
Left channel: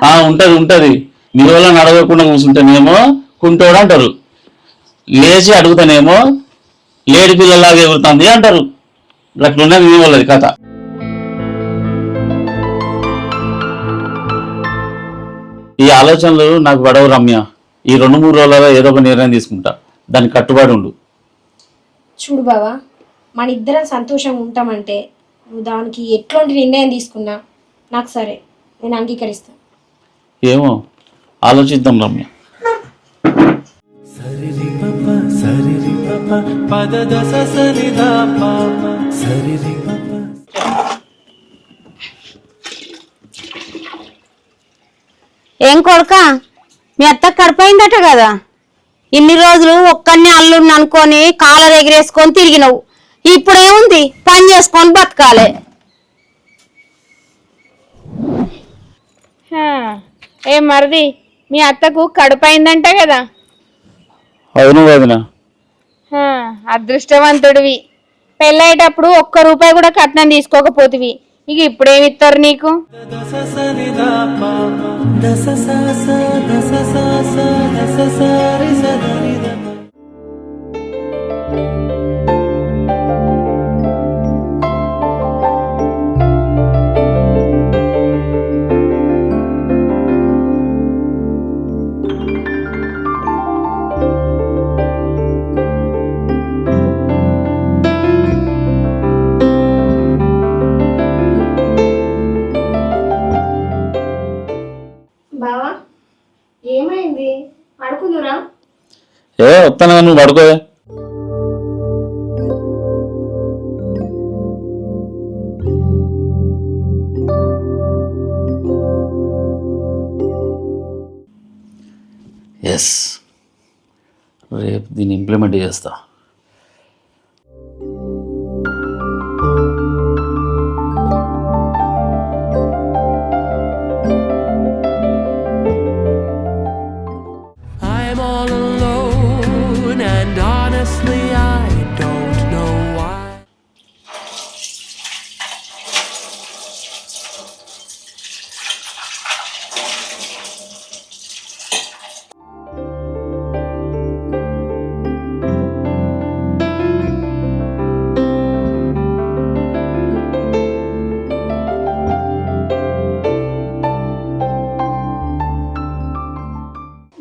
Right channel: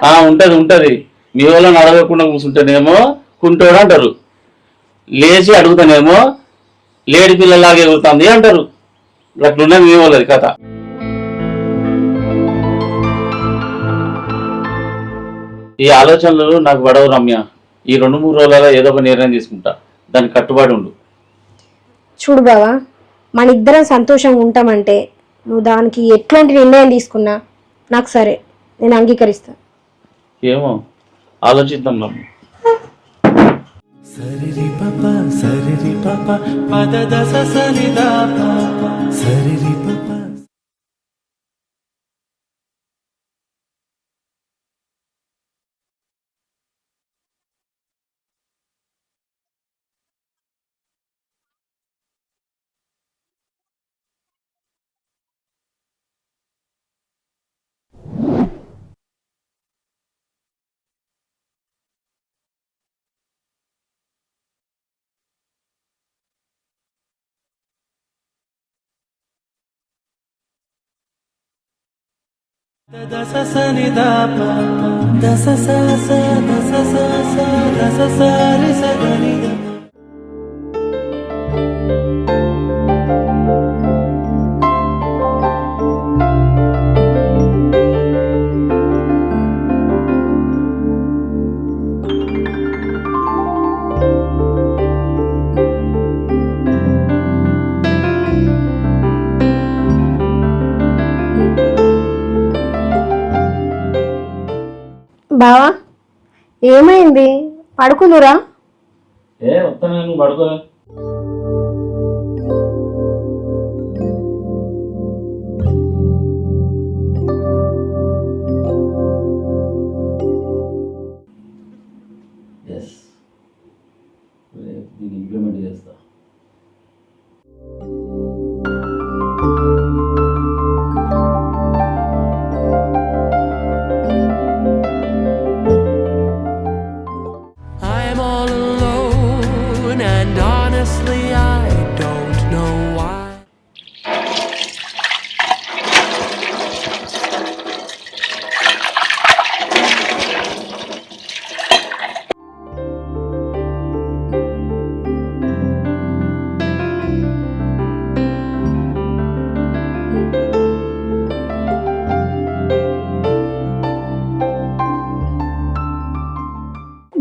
ఉంటది. మీరు వల్ల నడవకుండా కూర్చుంటేనేమో కుంటోడు అంటారు, లేచి అడుగుతానేమో లేడి పిల్లలాగా ఎగురుతుంది అంటారు. అట్లున్నా మీ వాళ్ళది కథ. ఈ ఆలోచనలు నాకు పడవు రమ్య. ఈ 2-3 రోజులలో ఏదో ఒక నిర్ణయం తీసుకుంటా, దానికి కట్టుబడి ఉండు. చూడు బావా, మన ఇద్దరం సంతోషంగా ఉంటామంటే నువ్వు దానికి ఎట్లాంటి నిర్ణయం తీసుకున్నా నాకు సరే, నేను అంగీకరిస్తా. ఏమో ఆలోచిద్దాం రమ్య. సరిరి పప పద దస సరిదా పాప సరిరి పప. ఏం కొడుక, మీ అత్త కడిపోయిందట కదా? ఇన్ని రోజులు ఒక్కడిని అల్లుడిని అనుకొని కాలర్ ఎగిరేసుకొని తిరిగినవు. ఇప్పుడేముంది, పని చేసుకొని బతకాలే. ఏ మరిది, మీ అత్తకు కడుపైందంట కదా? అవును వదిన. అదృష్టవంతుడివి. పెళ్ళయ్యేటప్పుడు ₹1 కూడా కట్నం తీసుకోకపోతివి, ఇక ఇప్పుడేమిస్తారు నీకు? దస సరిదా పాప దస స దస స దస సరి సదనిద. బావా ఏమైంది? పడుకుందురా? వస్తాను, నువ్వు పడుకో. ఎస్, రేపు దీన్ని ఇంప్లిమెంట్ చేస్తా. I'm all alone and honestly I don't know why.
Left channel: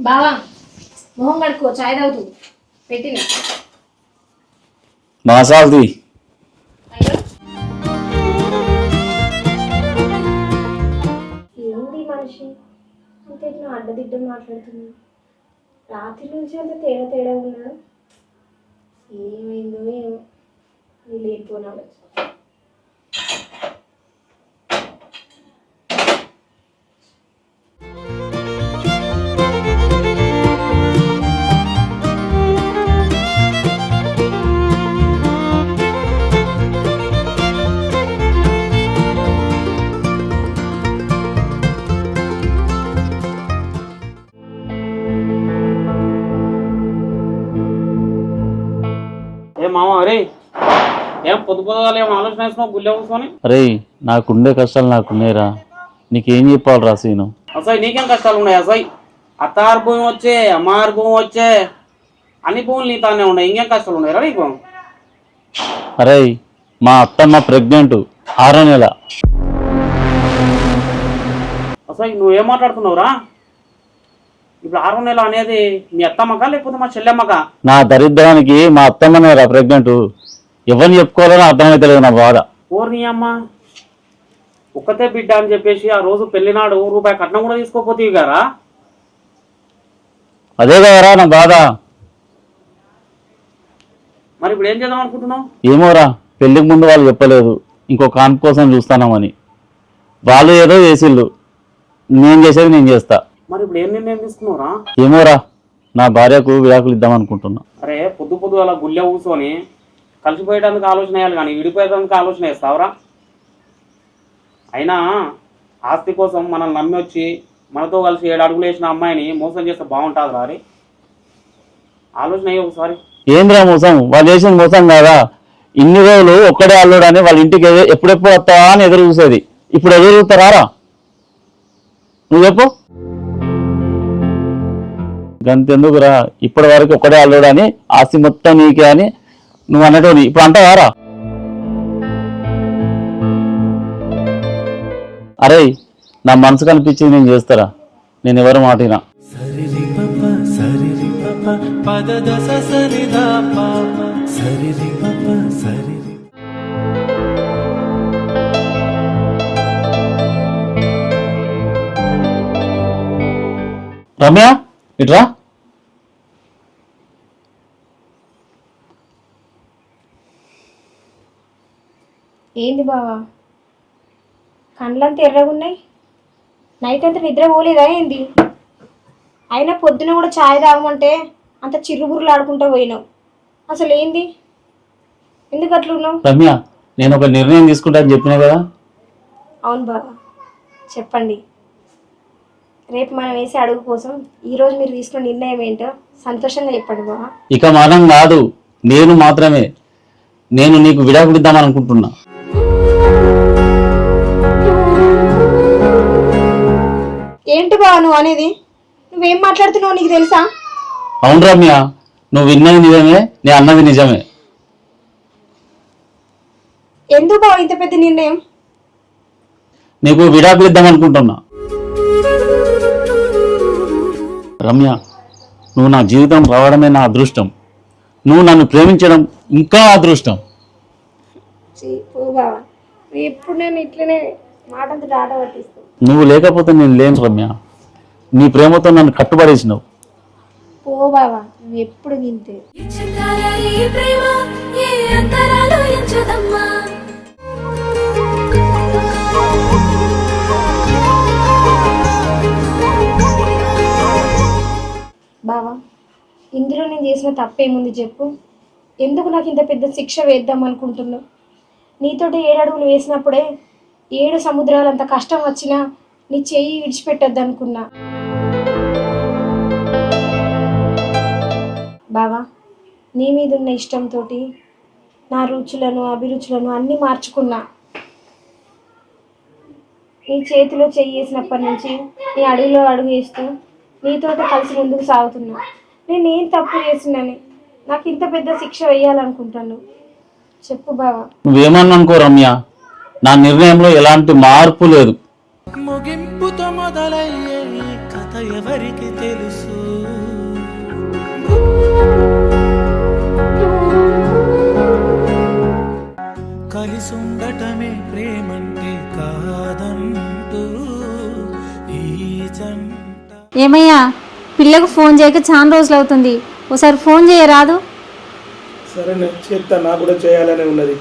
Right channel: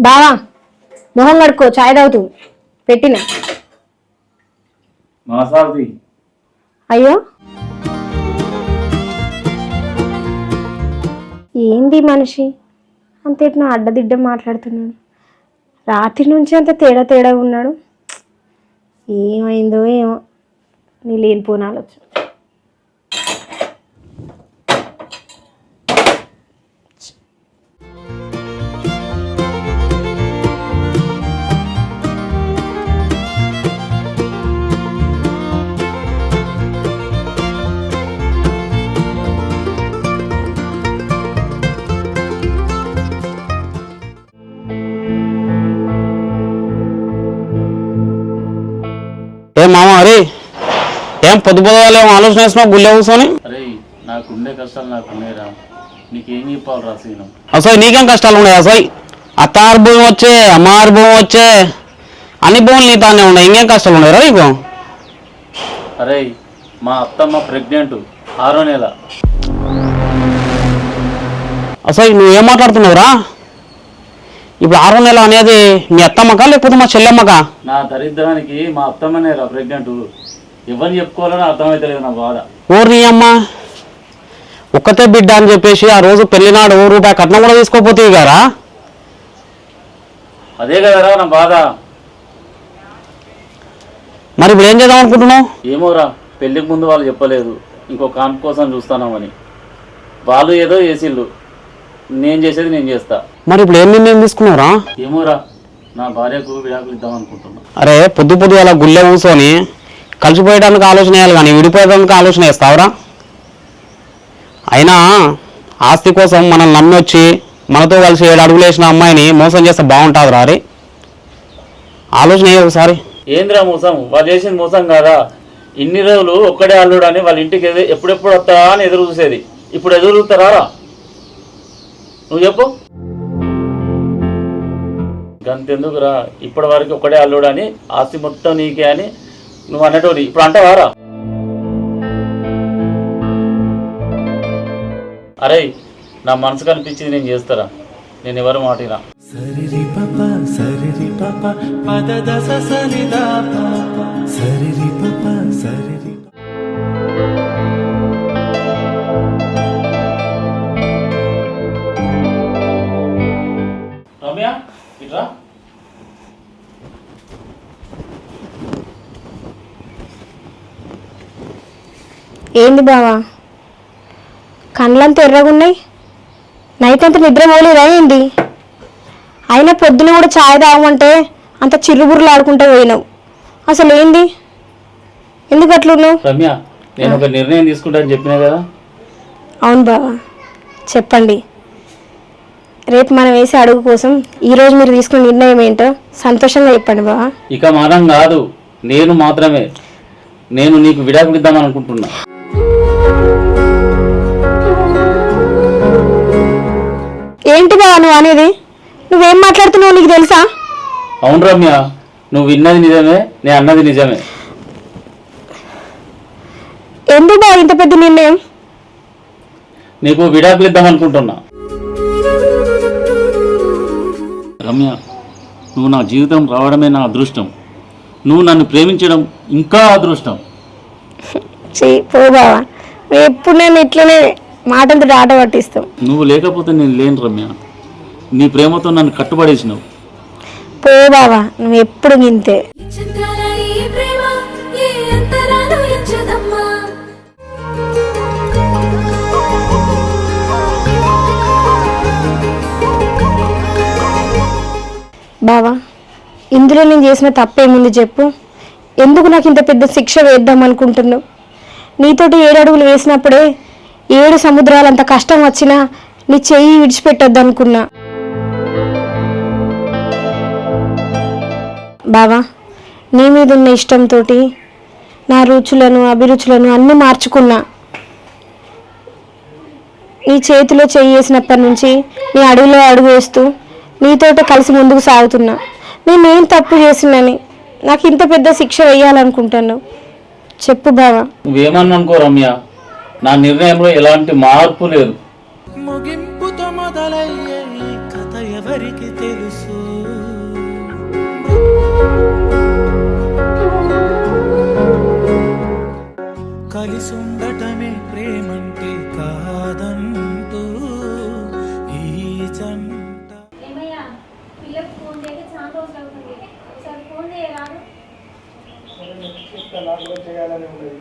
బావా మొహం కడుక్కో, చాయ్ తాగుతూ పెట్టిన. మాసాల్ది. అయ్యో ఏంది మనిషి అంతేట్నా అడ్డదిడ్డ మాట్లాడుతున్నాడు? రాత్రి నుంచి అంత తేడా ఉన్నాడు. ఏమైందో ఏమో, నీ లేనిపోని ఆలోచన. ఏ మామ అరే ఏం పొద్దు పొద్దుగాల ఏం ఆలోచన వేసినావు గుళ్ళే కూర్చొని? అరే నాకుండే కష్టాలు నాకున్నాయిరా, నీకేం చెప్పాలిరా సీను? అసలు నీకేం కష్టాలు ఉన్నాయి? అసలు అత్తారు భూమి వచ్చే, అమ్మారు భూమి వచ్చే, అన్ని భూములు నీతానే ఉన్నాయి, ఇంకేం కష్టాలు ఉన్నాయి రా నీకు? అరే మా అత్తమ్మ ప్రెగ్నెంట్ 6వ నెల. అసలు నువ్వేం మాట్లాడుతున్నావురా? ఇప్పుడు 6వ నెల అనేది మీ అత్తమ్మకా లేకపోతే మా చెల్లెమ్మకా? నా దరిద్రానికి మా అత్తమ్మనేరా ప్రెగ్నెంట్. ఎవరిని చెప్పుకోవాలని అర్థమైతలేదు నా బాధ. ఊరి అమ్మ ఒక్కతే బిడ్డ అని చెప్పేసి ఆ రోజు పెళ్లినాడు రూపాయి కట్నం కూడా తీసుకోపోతే గారా? అదే కదరా నా బాధ. మరి ఇప్పుడు ఏం చేద్దాం అనుకుంటున్నావు? ఏమోరా, పెళ్లికి ముందు వాళ్ళు చెప్పలేదు ఇంకో కాన్పు కోసం చూస్తానామని. వాళ్ళు ఏదో వేసిళ్ళు, నేను చేసేది నేను చేస్తా. మరి ఇప్పుడు ఏం నిర్ణయం తీసుకున్నావురా? ఏమోరా, నా భార్యకు విడాకులు ఇద్దాం అనుకుంటున్నా. అరే పొద్దు అలా గుళ్ళే కూర్చొని కలిసిపోయడానికి ఆలోచన వేయాలి కానీ విడిపోయడానికి ఆలోచన వేస్తావురా? అయినా ఆస్తి కోసం మనల్ని నమ్మి వచ్చి మనతో కలిసి 7 అడుగులు వేసిన అమ్మాయిని మోసం చేస్తే బాగుంటుంది రా. ఆలోచన వేయ ఒకసారి. ఏంద్రా మోసం? వాళ్ళు చేసిన మోసం కాదా? ఇన్ని రోజులు ఒక్కడే అల్లుడని వాళ్ళ ఇంటికి ఎప్పుడెప్పుడు వస్తావా అని ఎదురు చూసేది. ఇప్పుడు ఎదురు చూస్తారా? నువ్వు చెప్పు. గంతెందుకురా, ఇప్పటి వరకు ఒక్కడే అల్లుడని ఆస్తి మొత్తం నీకే అని నువ్వు అన్నట్టు ఇప్పుడు అంటావారా? అరే నా మనసు కనిపించేది నేను చేస్తారా, నేను ఎవరు మాటినా. సరిరి పప సరిరి పప పద దస సరిదా పాప సరిరి పప సరిరి. రమ్య ఇట్రా. ఏంది బావా, కళ్ళంతా ఎర్రగున్నాయి? నైట్ అంతా నిద్ర పోలేదా ఏంది? అయినా పొద్దున కూడా ఛాయ్ తాగమంటే అంత చిర్రుబుర్రులు ఆడుకుంటూ పోయినావు. అసలు ఏంది, ఎందుకు అట్లున్నావు? రమ్య నేను ఒక నిర్ణయం తీసుకుంటా అని చెప్పినావు కదా. అవును బావా, చెప్పండి. రేపు మనం వేసే అడుగు కోసం ఈరోజు మీరు తీసుకున్న నిర్ణయం ఏంటో సంతోషంగా చెప్పండి బావా. ఇక మనం కాదు, నేను మాత్రమే. నేను నీకు విడాకులు ఇద్దాం అనుకుంటున్నా. ఏంటి బావా నువ్వు అనేది? నువ్వేం మాట్లాడుతున్నావు నీకు తెలుసా? అవును రమ్య, నువ్వు విన్నది నిజమే, నేను అన్నది నిజమే. ఎందుకు బావ ఇంత పెద్ద నిర్ణయం? నీకు విడాకులు ఇద్దాం అనుకుంటున్నా. రమ్య, నువ్వు నా జీవితం రావడమే నా అదృష్టం. నువ్వు నన్ను ప్రేమించడం ఇంకా అదృష్టం. పో బావా, ఎప్పుడు నేను ఇట్లనే మాటలతో ఆట పట్టిస్తావు. నువ్వు లేకపోతే నేను లేను రమ్య. నీ ప్రేమతో నన్ను కట్టుబడేసినావు. పో బావా, నువ్వు ఎప్పుడు గింతే. బావా, ఇందులో నేను చేసిన తప్పేముంది చెప్పు? ఎందుకు నాకు ఇంత పెద్ద శిక్ష వేద్దాం అనుకుంటున్నావు? నీతోటి 7 అడుగులు వేసినప్పుడే 7 సముద్రాలంత కష్టం వచ్చినా నీ చెయ్యి విడిచిపెట్టొద్దు అనుకున్నా. బావా, నీ మీద ఉన్న ఇష్టంతో నా రుచులను అభిరుచులను అన్నీ మార్చుకున్నా. నీ చేతిలో చెయ్యి వేసినప్పటి నుంచి నీ అడుగులో అడుగు వేస్తూ నీతోటి కలిసి ముందుకు సాగుతున్నా. నేనేం తప్పు చేసినని నాకు ఇంత పెద్ద శిక్ష వేయాలనుకుంటున్నావు? చెప్పు బావా. నువ్వేమన్నా అనుకో రమ్య, నా నిర్ణయంలో ఎలాంటి మార్పు లేదు. ముగింపుతో మొదలయ్యే ఈ కథ ఎవరికి తెలుసు? కలిసి ఉండటమే ప్రేమంటే కాదంటూ ఈ జంట. ఏమయ్యా, పిల్లకు ఫోన్ చేయక చాలా రోజులు అవుతుంది, ఒకసారి ఫోన్ చేయరాదు? సరే చేస్తా, నాకు కూడా చేయాలనే ఉన్నది.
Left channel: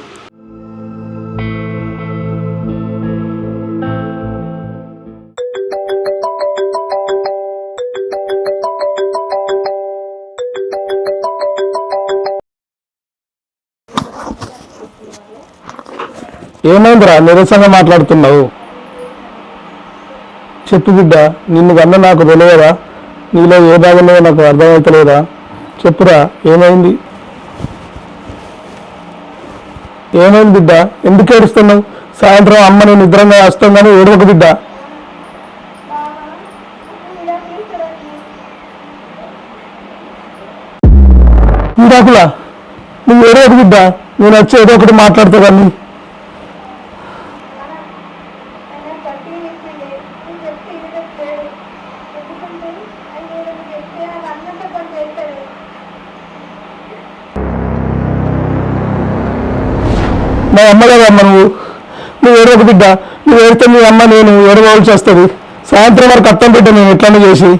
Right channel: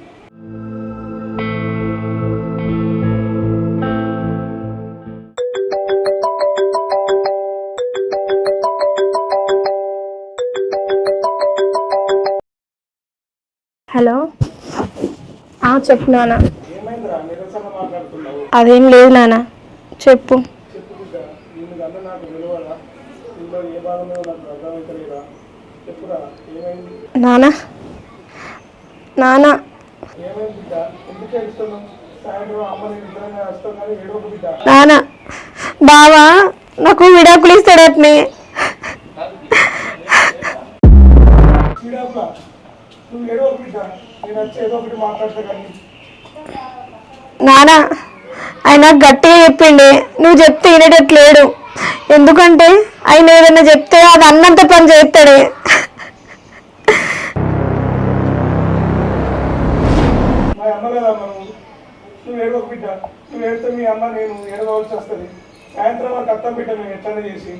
హలో, చెప్పు నాన్న. ఏమైందిరా నిరసంగా మాట్లాడుతున్నావు? అదేం లేదు నాన్న, చెప్పు. చెప్పు బిడ్డ, నిన్ను కన్నా నాకు తెలియదా? నీలో ఏ భాగంలో నాకు అర్థమవుతలేదా? చెప్పురా, ఏమైంది? నాన్న, నానా ఏమైంది బిడ్డ? ఎందుకు ఏడుస్తున్నావు? సాయంత్రం అమ్మ నేను నిద్రంగా వస్తాం కానీ ఏడవకు బిడ్డ. నానా బావా నాకు విడాకులు ఇస్తాడట్నే. విడాకులా? నువ్వు ఏడవకు బిడ్డ, నేను వచ్చి ఏదో ఒకటి మాట్లాడతా కానీ. నానా ఆయన గట్టిగా చెప్పిండే, నువ్వు చెప్తే వినేటట్లేడు. ఎందుకంటే ఆయన ఏదైనా చెప్తే అది అన్నంత పని చేస్తాడే. మా అమ్మ కదా అమ్మ, నువ్వు ఏడవకు బిడ్డ. నువ్వు ఏడితే మీ అమ్మ నేను ఏడవలసి వస్తుంది. సాయంత్రం వరకు అర్థం బిడ్డ నేను ఎట్లనే చేసి.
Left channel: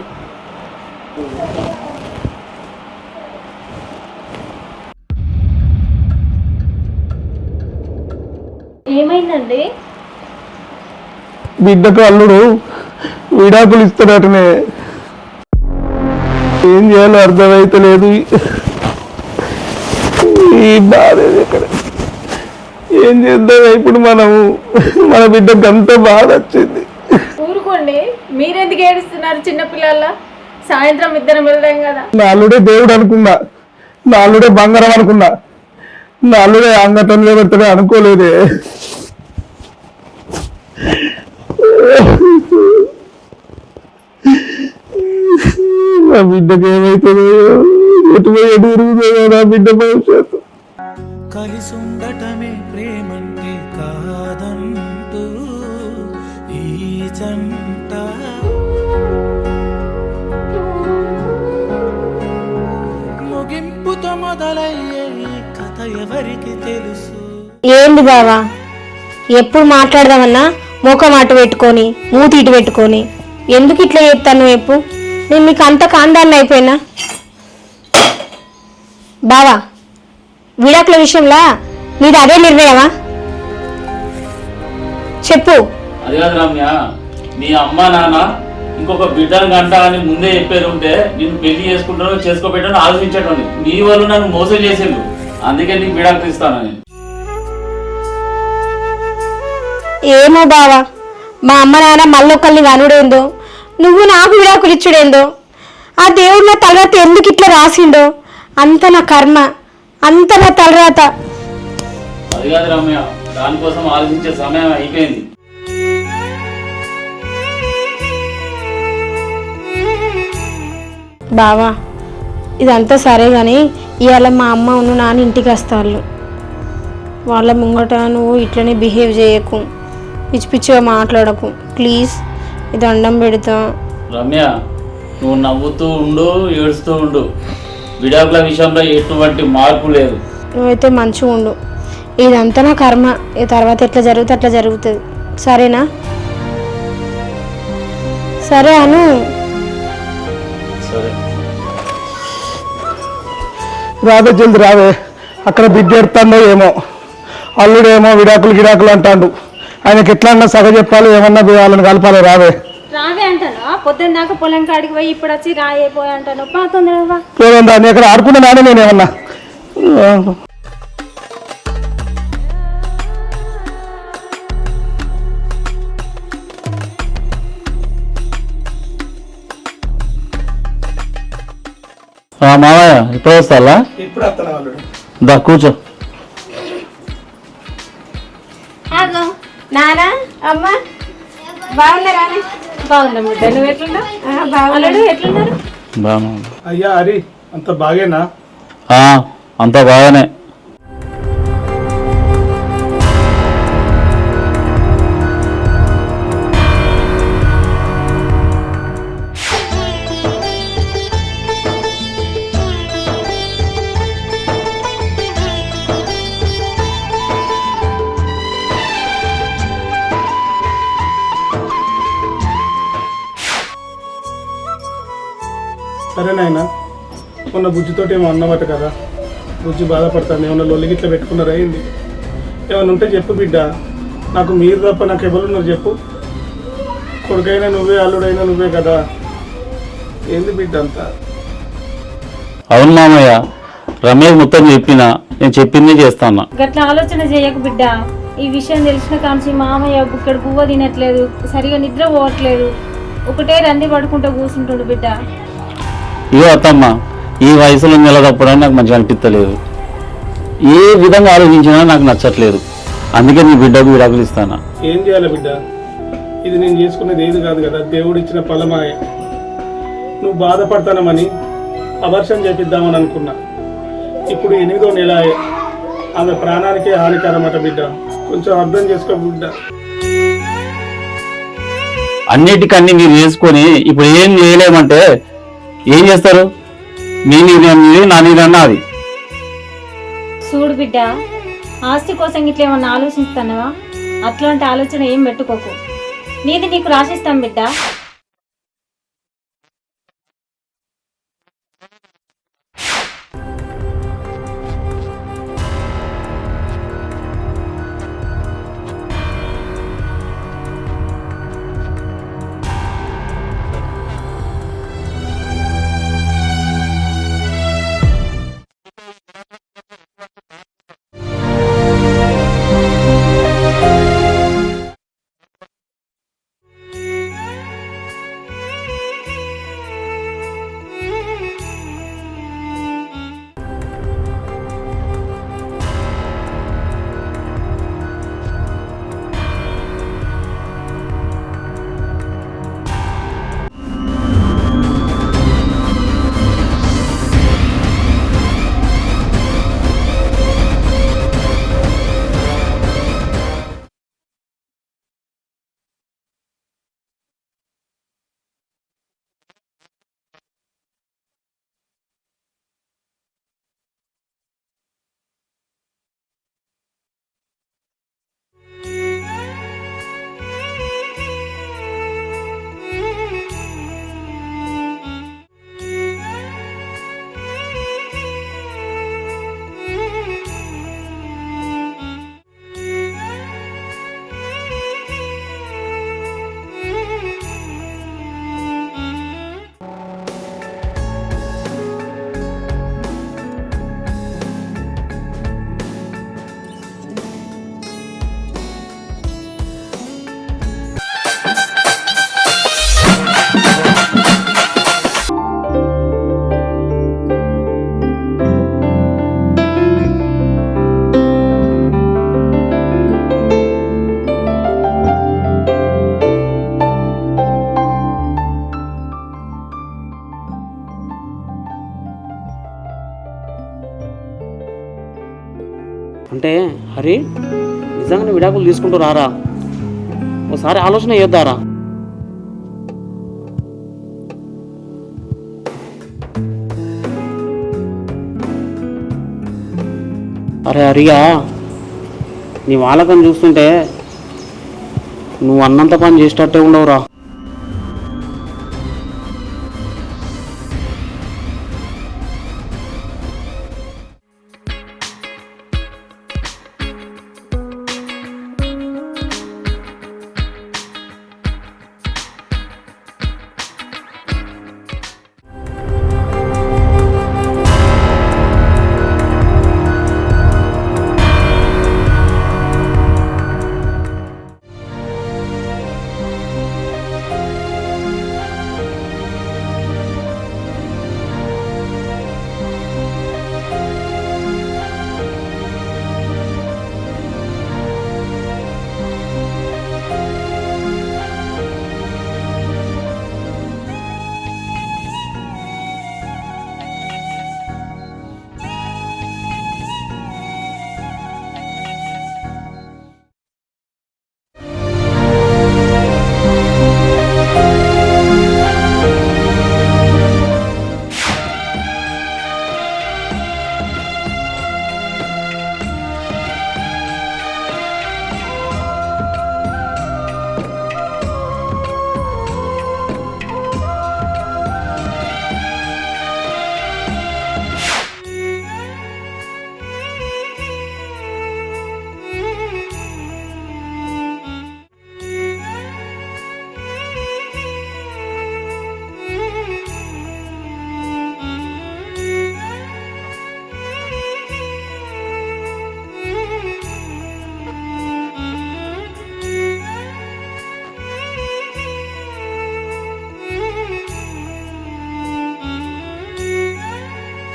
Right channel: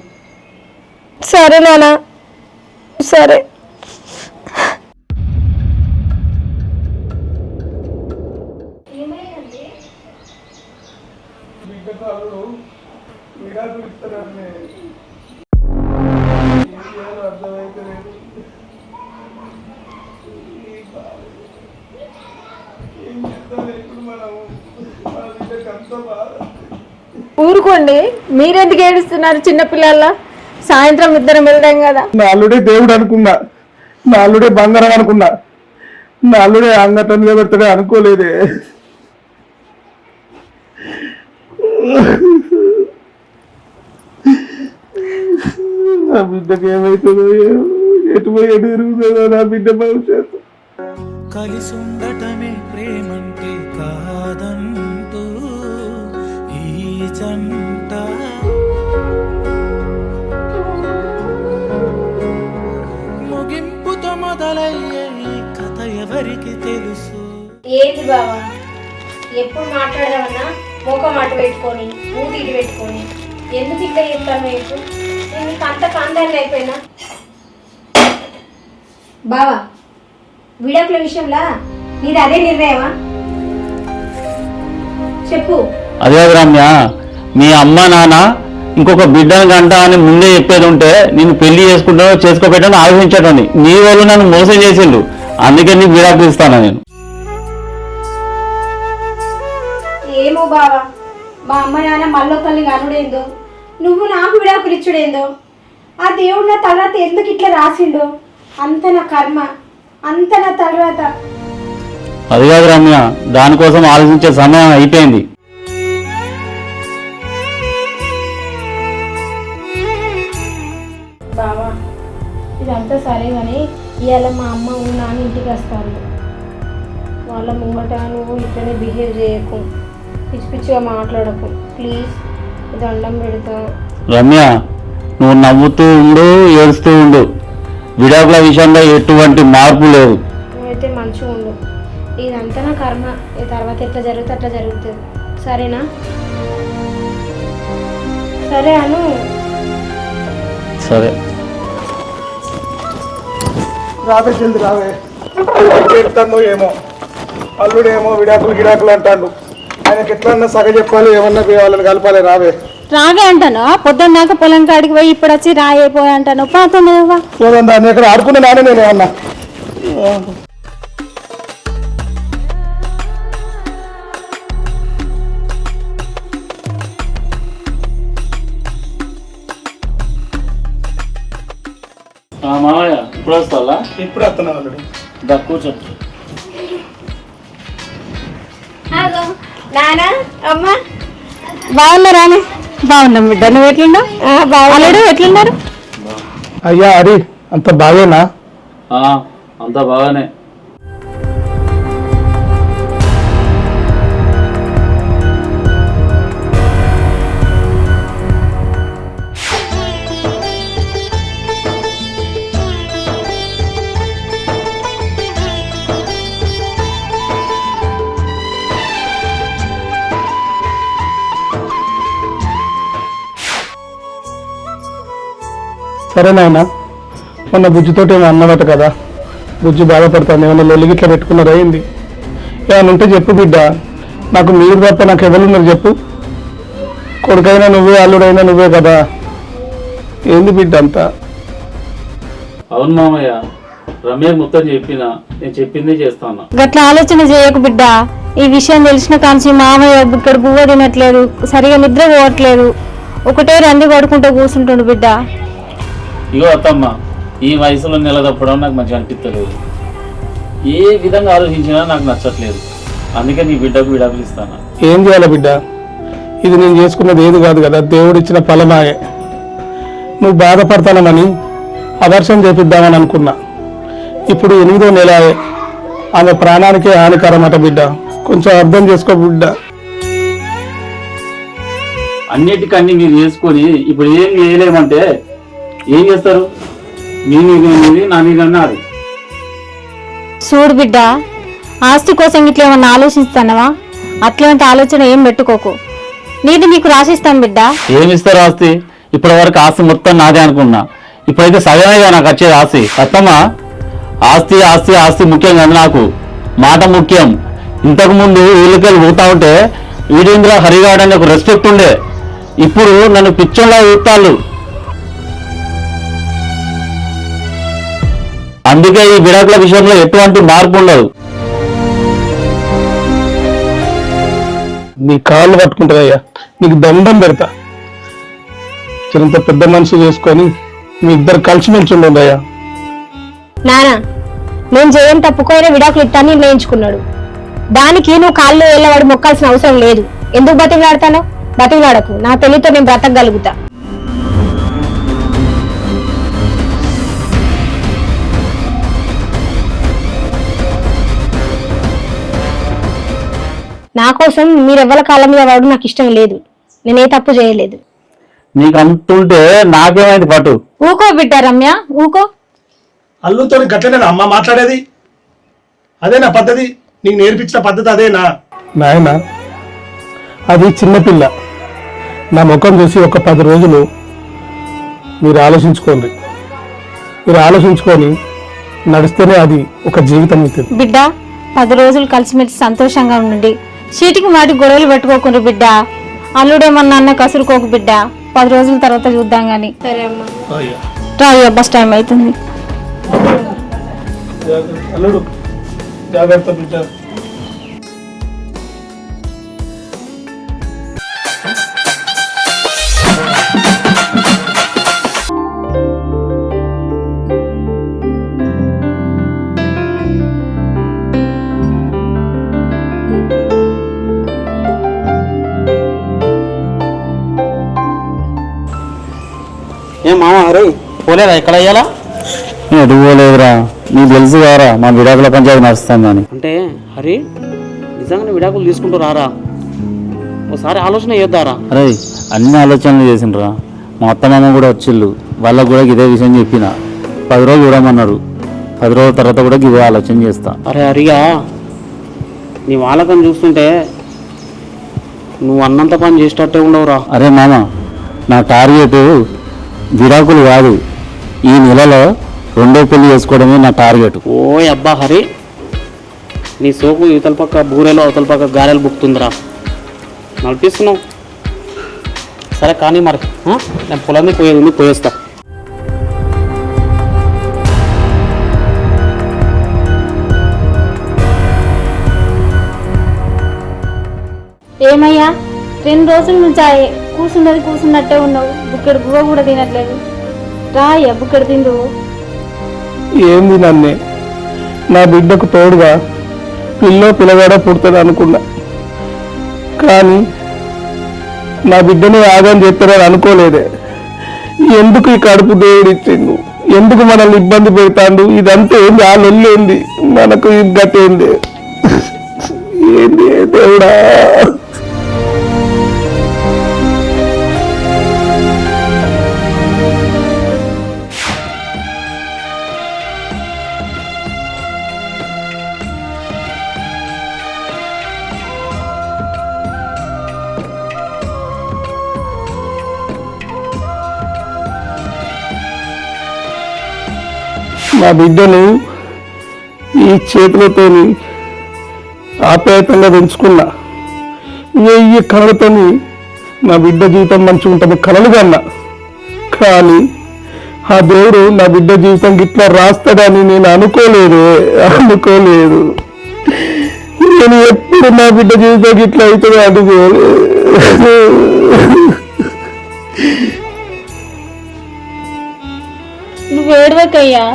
సరే నానా సరే. ఏమైందండి? బిడ్డకు అల్లుడు విడాకులు ఇస్తాడటనే. ఏం చేయాలో అర్థమైతే లేదు. ఈ బాధ ఇక్కడ ఏం చేద్దాం ఇప్పుడు మనము? మన బిడ్డకు అంత బాధ వచ్చింది. ఊరుకోండి, మీరెందుకు ఏడుస్తున్నారు చిన్నపిల్లల? సాయంత్రం ఇద్దరం వెళ్దాం కదా. నా అల్లుడే దేవుడు అనుకున్నా, నా అల్లుడే బంగారం అనుకున్నా, నా అల్లుడే అంగతంలో పెడతాడే అనుకోలేదే. నా బిడ్డకి ఏమైతుందో, ఎటు తిరుగుతుందో నా బిడ్డ భవిష్యత్తు. కలిసుండటమే ప్రేమంటే కాదంటూ ఈ జంట ముగింపుతో మొదలయ్యే ఈ కథ ఎవరికి తెలుసు? ఏంది బావా ఎప్పుడు మాట్లాడదామన్నా ముఖం అటు పెట్టుకొని మూతి ఇటు పెట్టుకొని ఎందుకు ఇట్లా చెప్తాను? ఎప్పుడు నేను మీకు అంత కాందాన్ని అయిపోయినా? బావా విడాకుల విషయంలో నీది అదే నిర్ణయమా? చెప్పు. అదే రమ్య, మీ అమ్మ నాన్న ఇంకొక బిడ్డను గంట అని ముందే చెప్పేది ఉంటే నేను పెళ్లి చేసుకుంటానో చేసుకోబెట్టానో ఆలోచించటండి. నీ వాళ్ళు నన్ను మోసం చేసిండు, అందుకే నీకు విడాకులు ఇస్తాను నేను. ఏమో బావా, మా అమ్మ నాన్న మళ్ళొకళ్ళని కనుడేందో, నువ్వు నాకు విడాకులు ఇచ్చుడేందో, ఆ దేవుడు నా తలరాత ఎందుకు ఇట్లా రాసిండో, అంత నా కర్మ, అంత నా తలరాత. అది కాదు రమ్య, దానికోసం ఆలోచించే సమయం అయిపోయింది. బావా ఇదంతా సరే కానీ ఇవాళ మా అమ్మ నువ్వు నాన్న ఇంటికి వస్తారు. వాళ్ళ ముంగట నువ్వు ఇట్లనే బిహేవ్ చేయకు, పిచ్చి పిచ్చిగా మాట్లాడకు ప్లీజ్. ఇది దండం పెడతా. రమ్య, నువ్వు నవ్వుతూ ఉండు, ఏడుస్తూ ఉండు, విడాకుల విషయంలో ఎటువంటి మార్పు లేదు. నువ్వైతే మంచిగా ఉండు. ఇదంతా నా కర్మ, ఈ తర్వాత ఎట్లా జరుగుతుంది అట్లా జరుగుతుంది. సరేనా? సరే అను. సరే రావే జల్ది రావే. అక్కడ బిడ్డ ఎడుతుందో ఏమో, అల్లుడేమో విడాకులు అంటాడు. ఆయనకి ఎట్లన్నా సగ చెప్పాలి, ఏమన్నా వాళ్ళని కలపాలి. రావే రావే అంటాను, పొద్దున్న దాకా పొలం కాడికి పోయి ఇప్పుడు వచ్చి రాయిపోయి అంటాను. పాతనేవా ఏమన్నా నీ అక్కడ ఆడుకున్న నాన్న నేనేమన్నా? మావయ్య ఇప్పుడు వస్తాలా? ఇప్పుడు వస్తున్నా. దా కూర్చో. నానా అమ్మ బాగున్నారా? బాగున్నాం బిడ్డ, నువ్వు ఎట్లున్నావు? బాగున్నాడు. ఎట్లున్నారు? బాగా. అయ్యా హరి అంత బాగేనా? అంతా బాగానే. సరే నాయన, మొన్న బుజ్జితోటి ఏమో అన్నదట కదా, బుజ్జి బాధపడతాను. ఏమన్నా లొల్లిగిట్లా పెట్టుకున్నారు అయింది? ఏమైనా ఉంటే చెప్పు బిడ్డ, నాకు మీరు తప్ప నాకు ఎవరున్నారు చెప్పు? కొడుకైనా నువ్వే, అల్లుడైనా నువ్వే కదా. ఏంది బిడ్డ అంతా? అవును మామయ్య, రమ్య మొత్తం చెప్పినా, నేను చెప్పింది చేస్తాను. గట్లా ఆలోచన చేయకు బిడ్డ. ఈ విషయం తెలిసిన కాంచి మామయ్య ఇక్కడ బువ్వ తినట్లేదు, సరిగా నిద్ర పోవట్లేదు, ఒకటే రంది కొడుకుంటూ కూర్చుంటుండు బిడ్డ. ఇగో అత్తమ్మ, ఈ వయసులో నిలదప్పడం నాకు మంచిగా అనిపించలేదు. ఏ విధంగా ఆలోచించినా నాకు నచ్చట్లేదు. అందుకే నీ బిడ్డకు విడాకులు ఇస్తాను. ఏం చేయాలి బిడ్డ? ఇది నేను చేసుకున్నది ఏది కాదు కదా, దేవుడిచ్చిన ఫలమాయే. నువ్వు బాధపడతానని అవర్షం చేపిద్దామని అనుకున్నా. ఇప్పుడు 8వ నెల, ఆమె ప్రాణానికే హానికరమట బిడ్డ. కొంచెం అర్థం చేసుకో బిడ్డ. అన్నిటికన్నీ మీరు చేసుకొని ఇప్పుడు ఏం చేయలేమంటే ఏం చేస్తారు? నీ నిర్ణయం మీది, నా నిర్ణయం నాది. చూడు బిడ్డ, ఆస్తి కోసం ఇట్లా ఏమన్నా ఆలోచిస్తానవా? అట్లాంటి ఆలోచన ఏం పెట్టుకోకు. నీది నీకు రాసిస్తాను బిడ్డ. ఏమిస్తారు ఆస్తి? ఇప్పటి వరకు ఆస్తి మొత్తం నాదే అనుకున్నా. ఇప్పుడైతే సగమేగా నాకు వచ్చేది ఆస్తి. అత్తమ్మా, ఆస్తి ఆస్తి ఆస్తి ముఖ్యం కాదు, నాకు మాట ముఖ్యం. ఇంతకు ముందు ఊళ్ళకెళ్ళి పోతా ఉంటే వీరేంద్ర హరిగాడు అనే ఒక రెస్పెక్ట్ ఉండే. ఇప్పుడు నన్ను పిచ్చోళ్ళ ఊతాళ్ళు. అందుకే ఈ విడాకుల విషయంలో ఎటువంటి మార్పు ఉండదు. నీ కాళ్ళు పట్టుకుంటుందయ్యా, నీకు దండం పెడతా. చిరంత పెద్ద మనిషి చేసుకొని మీ ఇద్దరు కలిసిమెలిసి ఉండదయ్యా. నానా, నేను చేయని తప్పుకోయినా విడాకులు ఇస్తాను నిర్ణయించుకున్నాడు. దానికి నువ్వు కాళ్ళు వెళ్ళవాడు మొక్కాల్సిన అవసరం లేదు. ఎందుకు బతికిలాడతానో? బతికిలాడకు. నా తెలివితో నేను బ్రతకగలుగుతా. నా కోసం మీరెవ్వల కాళ్ళ మీద వాడు నాకు ఇష్టం లేదు. నేనే తప్పు చేయలేదు. నీకు అంటుంటే నాకేమైంది పట్టు? ఊకో బిడ్డ రమ్య, ఊకో. అల్లుతో గట్లనే అమ్మ మాట్లాడేది? అదేనా పద్ధతి? నీకు నేర్పించిన పద్ధతి అదేనా? నాయన, అది చిన్నపిల్ల. నా ముఖం చూసి ఒక 10 రోజులు మీరు ఆలోచించుకోండి. మీరు ఆలోచించుకొని నడిస్తేనే అది ఒక జీవితం అవుతుంది. బిడ్డ, 10 రోజులు కలిసిమెలిసి సంతోషంగా ఉండండి. చీటికి మాటి గొడవలు పెట్టుకోకుండా బిడ్డ. అల్లుడేమన్నా అన్న కసురుకోకు బిడ్డ. 10 రోజుల తర్వాత చూద్దాం గాని. సరే అమ్మా. రాయ్యా, బస్ టైం అవుతుంది. అల్లుడు జాగ్రత్త బిడ్డ. ఏం మామ హరి పోలేదా? ఎక్కడ అయ్యాలా? ఎటు పోలేదురా, నీకు తెలుసు కారా మా విడాకుల పంచాయతీ నడుస్తుందని. అంటే హరి నిజంగానే విడాకులు తీసుకుంటూ రారా? ఒకసారి ఆలోచన చేద్దారా? అరే, అన్ని ఆలోచనలు చేసిండ్రా. మా అత్తమామ కూడా వచ్చిళ్ళు. వాళ్ళకు కూడా ఇదే విషయం చెప్పిన. 10 రోజులు చూడమన్నారు. 10 రోజుల తర్వాత కూడా ఇదే ఆలోచన చేస్తా. అరే హరిగా, నీ వాళ్ళకని చూస్తుంటే నువ్వు అన్నంత పని చేసేటట్టే ఉండవురా. అరే మామ, నా టార్గెట్ విడాకులు కాదు. ఈ నెలలో 2వ పెళ్లి చేసుకోవడమే నా టార్గెట్. ఓ అబ్బా హరి, నీ సోపు ఇవతల పక్క బూరెలో అవతల పక్క గారెలు బుక్తుందిరా. నడిపిస్తున్నావు. సరే కానీ మరి నేను పొలాన్ని పోయేది పోయేస్తా. ఏమయ్యా, 2 రోజుల నుంచి కూర్చున్నట్టే ఉన్నావు. బుక్కడి గువ్వ కూడా తినట్లేదు. రాయ్యా, బుక్కడి తిండు. ఏంది నన్నే నా బిడ్డకు తోడుగా పిల్లగాడ పుడుతుంది అనుకున్నా. కానీ నా బిడ్డని ఆగం చేస్తారని అనుకోలేదే. ఎందుకు ఈ కడుపు దేవుడు ఇచ్చిండు? ఎందుకు మనల్ని ఇబ్బంది పెడతాడు? ఇదంతా ఏంది? ఆ లొల్లేంది? మనకు ఈ గతి ఏంది? ఏంది దేవుడా? నా బిడ్డను ఈ చేతులతో ఆప్యాయతంగా పెంచుకున్నా. 1000 కళలతోని నా బిడ్డ జీవితం మంచిగా ఉంటుంది కలలు కన్నా. కానీ ఆ దేవుడు నా బిడ్డ జీవితం గిట్లా రాస్తాడని నేను అనుకోలేదు. నేను ఎప్పుడు నా బిడ్డ జీవితం గిట్లా అవుతుందో అనుకోలేదు. నువ్వు ఏడవకయ్యా,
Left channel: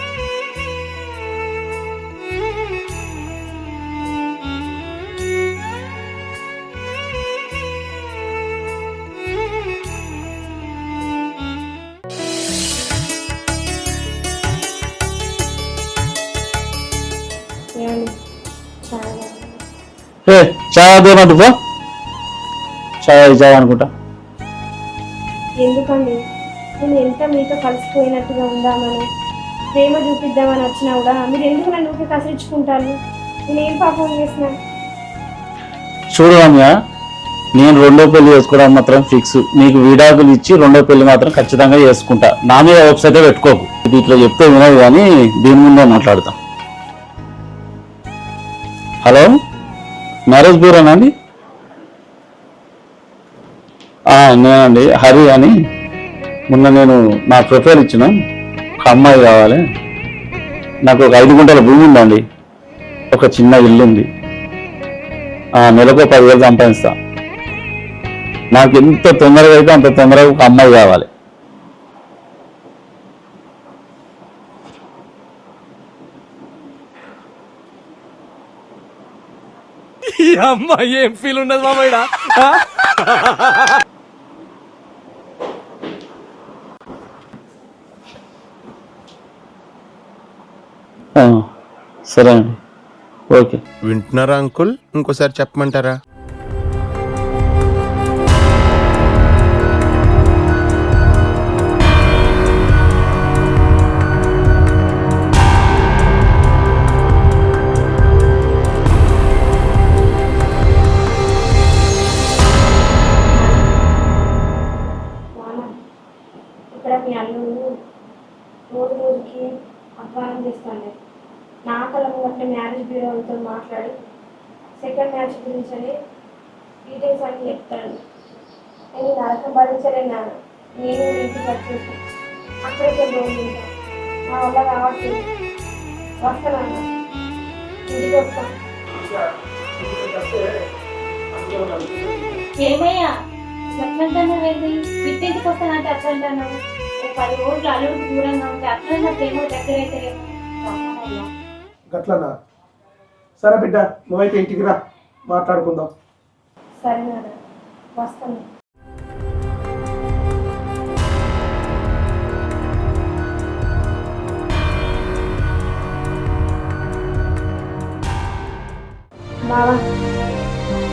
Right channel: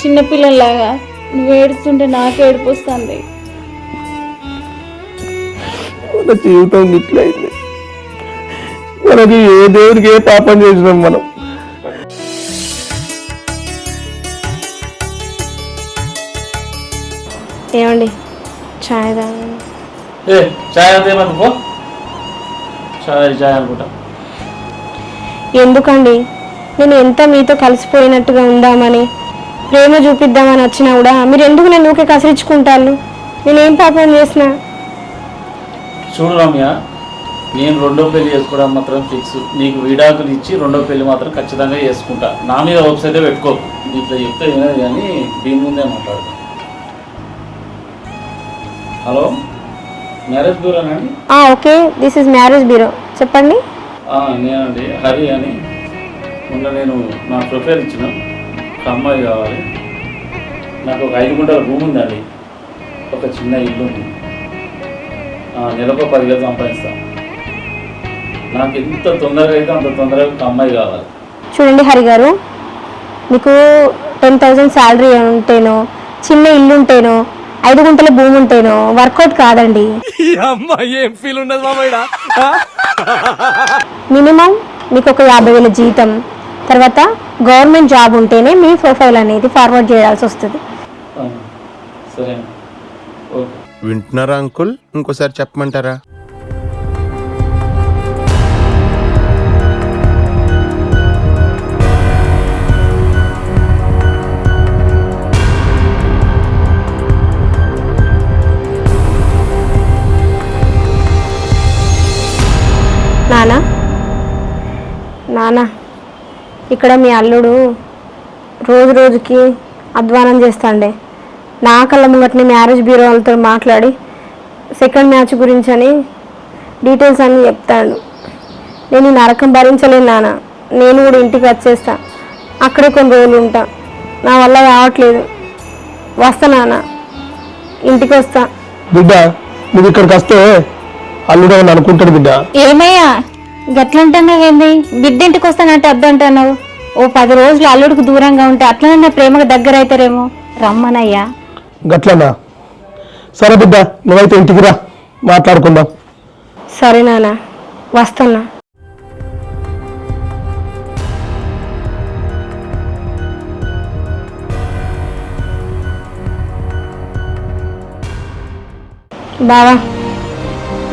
చిన్నపిల్లలాగా. నువ్వు ఏడుస్తుంటే నాకు ఏడుపు వస్తుంది. మన జీవితం ఇట్లయింది. మనకి ఏ దేవుడికి ఏ పాపం చేసినాం మనం. ఏమండి చాయ్ తాగండి. ఏ చాయ్ అదేమంటు పో, చాయ్ చాయ్ అనుకుంటా. ఎందుకండి నేను ఎంత మీతో కలిసిపోయినట్టుగా ఉందామని ప్రేమ చూపిద్దామని వచ్చినా కూడా మీరు ఎందుకు నన్ను ఊకే కసిరించుకుంటారు? నేనేం పాపం చేసినా? చూడు రమ్య, నేను రెండో పెళ్లి చేసుకోవడం మాత్రం ఫిక్స్. నీకు విడాకులు ఇచ్చి రెండో పెళ్లి మాత్రం ఖచ్చితంగా చేసుకుంటా. నా మీద వెబ్సైట్ పెట్టుకోకు. ఇది ఇట్లా చెప్తే వినదు కానీ దీని ముందే మాట్లాడతాం. హలో, మ్యారేజ్ బ్యూరోనా అండి? Okay, this is marriage bureau. చెప్పండి. నేనండి, హరి అని. మొన్న నేను నా ప్రిఫర్ ఇచ్చిన ఒక అమ్మాయి కావాలి. నాకు ఒక 5 గుంటల భూమి ఉందండి, ఒక చిన్న ఇల్లు ఉంది, నెలకు 10,000 సంపాదిస్తా. నాకు ఎంత తొందరగా అయితే అంత తొందరగా ఒక అమ్మాయి కావాలి. చూడండి హరి గారు, మీకు 10,000 శాలరీ ఉంటేనో, చిన్న ఇల్లు ఉంటేనో, 5 గుంటల భూమి ఉంటేనో వర్కౌట్ కాదండి. మినిమం మీకు ఒక 50,000 జీతం, తర్వాత గవర్నమెంట్ జాబ్ ఉంటేనే మీ ప్రొఫైల్ అనేది ఫార్వర్డ్ చేయాల్సి వస్తుంది. సరే, ఓకే. వింటున్నారా అంకుల్? ఇంకోసారి చెప్పమంటారా? నానా, ఇక్కడ మీ అల్లుడు రోజు రోజుకి అధ్వానం చేస్తాండే. నా కళ్ళ ముంగట్ని మ్యారేజ్ బ్యూరో వాళ్ళతో మాట్లాడి సెకండ్ మ్యాచ్ గురించి అని డీటెయిల్స్ అన్నీ చెప్తాడు. నేను ఈ నరకం భరించలేను నాన్న. నేను కూడా ఇంటికి వచ్చేస్తా, అక్కడే కొన్ని రోజులు ఉంటా. నా వల్ల కావట్లేదు. వస్తా నాన్న, ఇంటికి వస్తా. బిడ్డ, నువ్వు ఇక్కడికి వస్తే అల్లుడు అని అనుకుంటాడు బిడ్డ. ఏమయ్యా గట్లంటున్నావేంది? బిడ్డ ఇంటికి వస్తానంటే వద్దంటున్నావు. ఓ 10 రోజులు అల్లుడికి దూరంగా ఉంటే అట్లనే ప్రేమకు దగ్గర అవుతారేమో. రమ్మనయ్యా. గట్లనా? సరే బిడ్డ, నువ్వైతే ఇంటికి రా, మాట్లాడుకుందాం. సరే నాన్న, వస్తున్నా. బావా,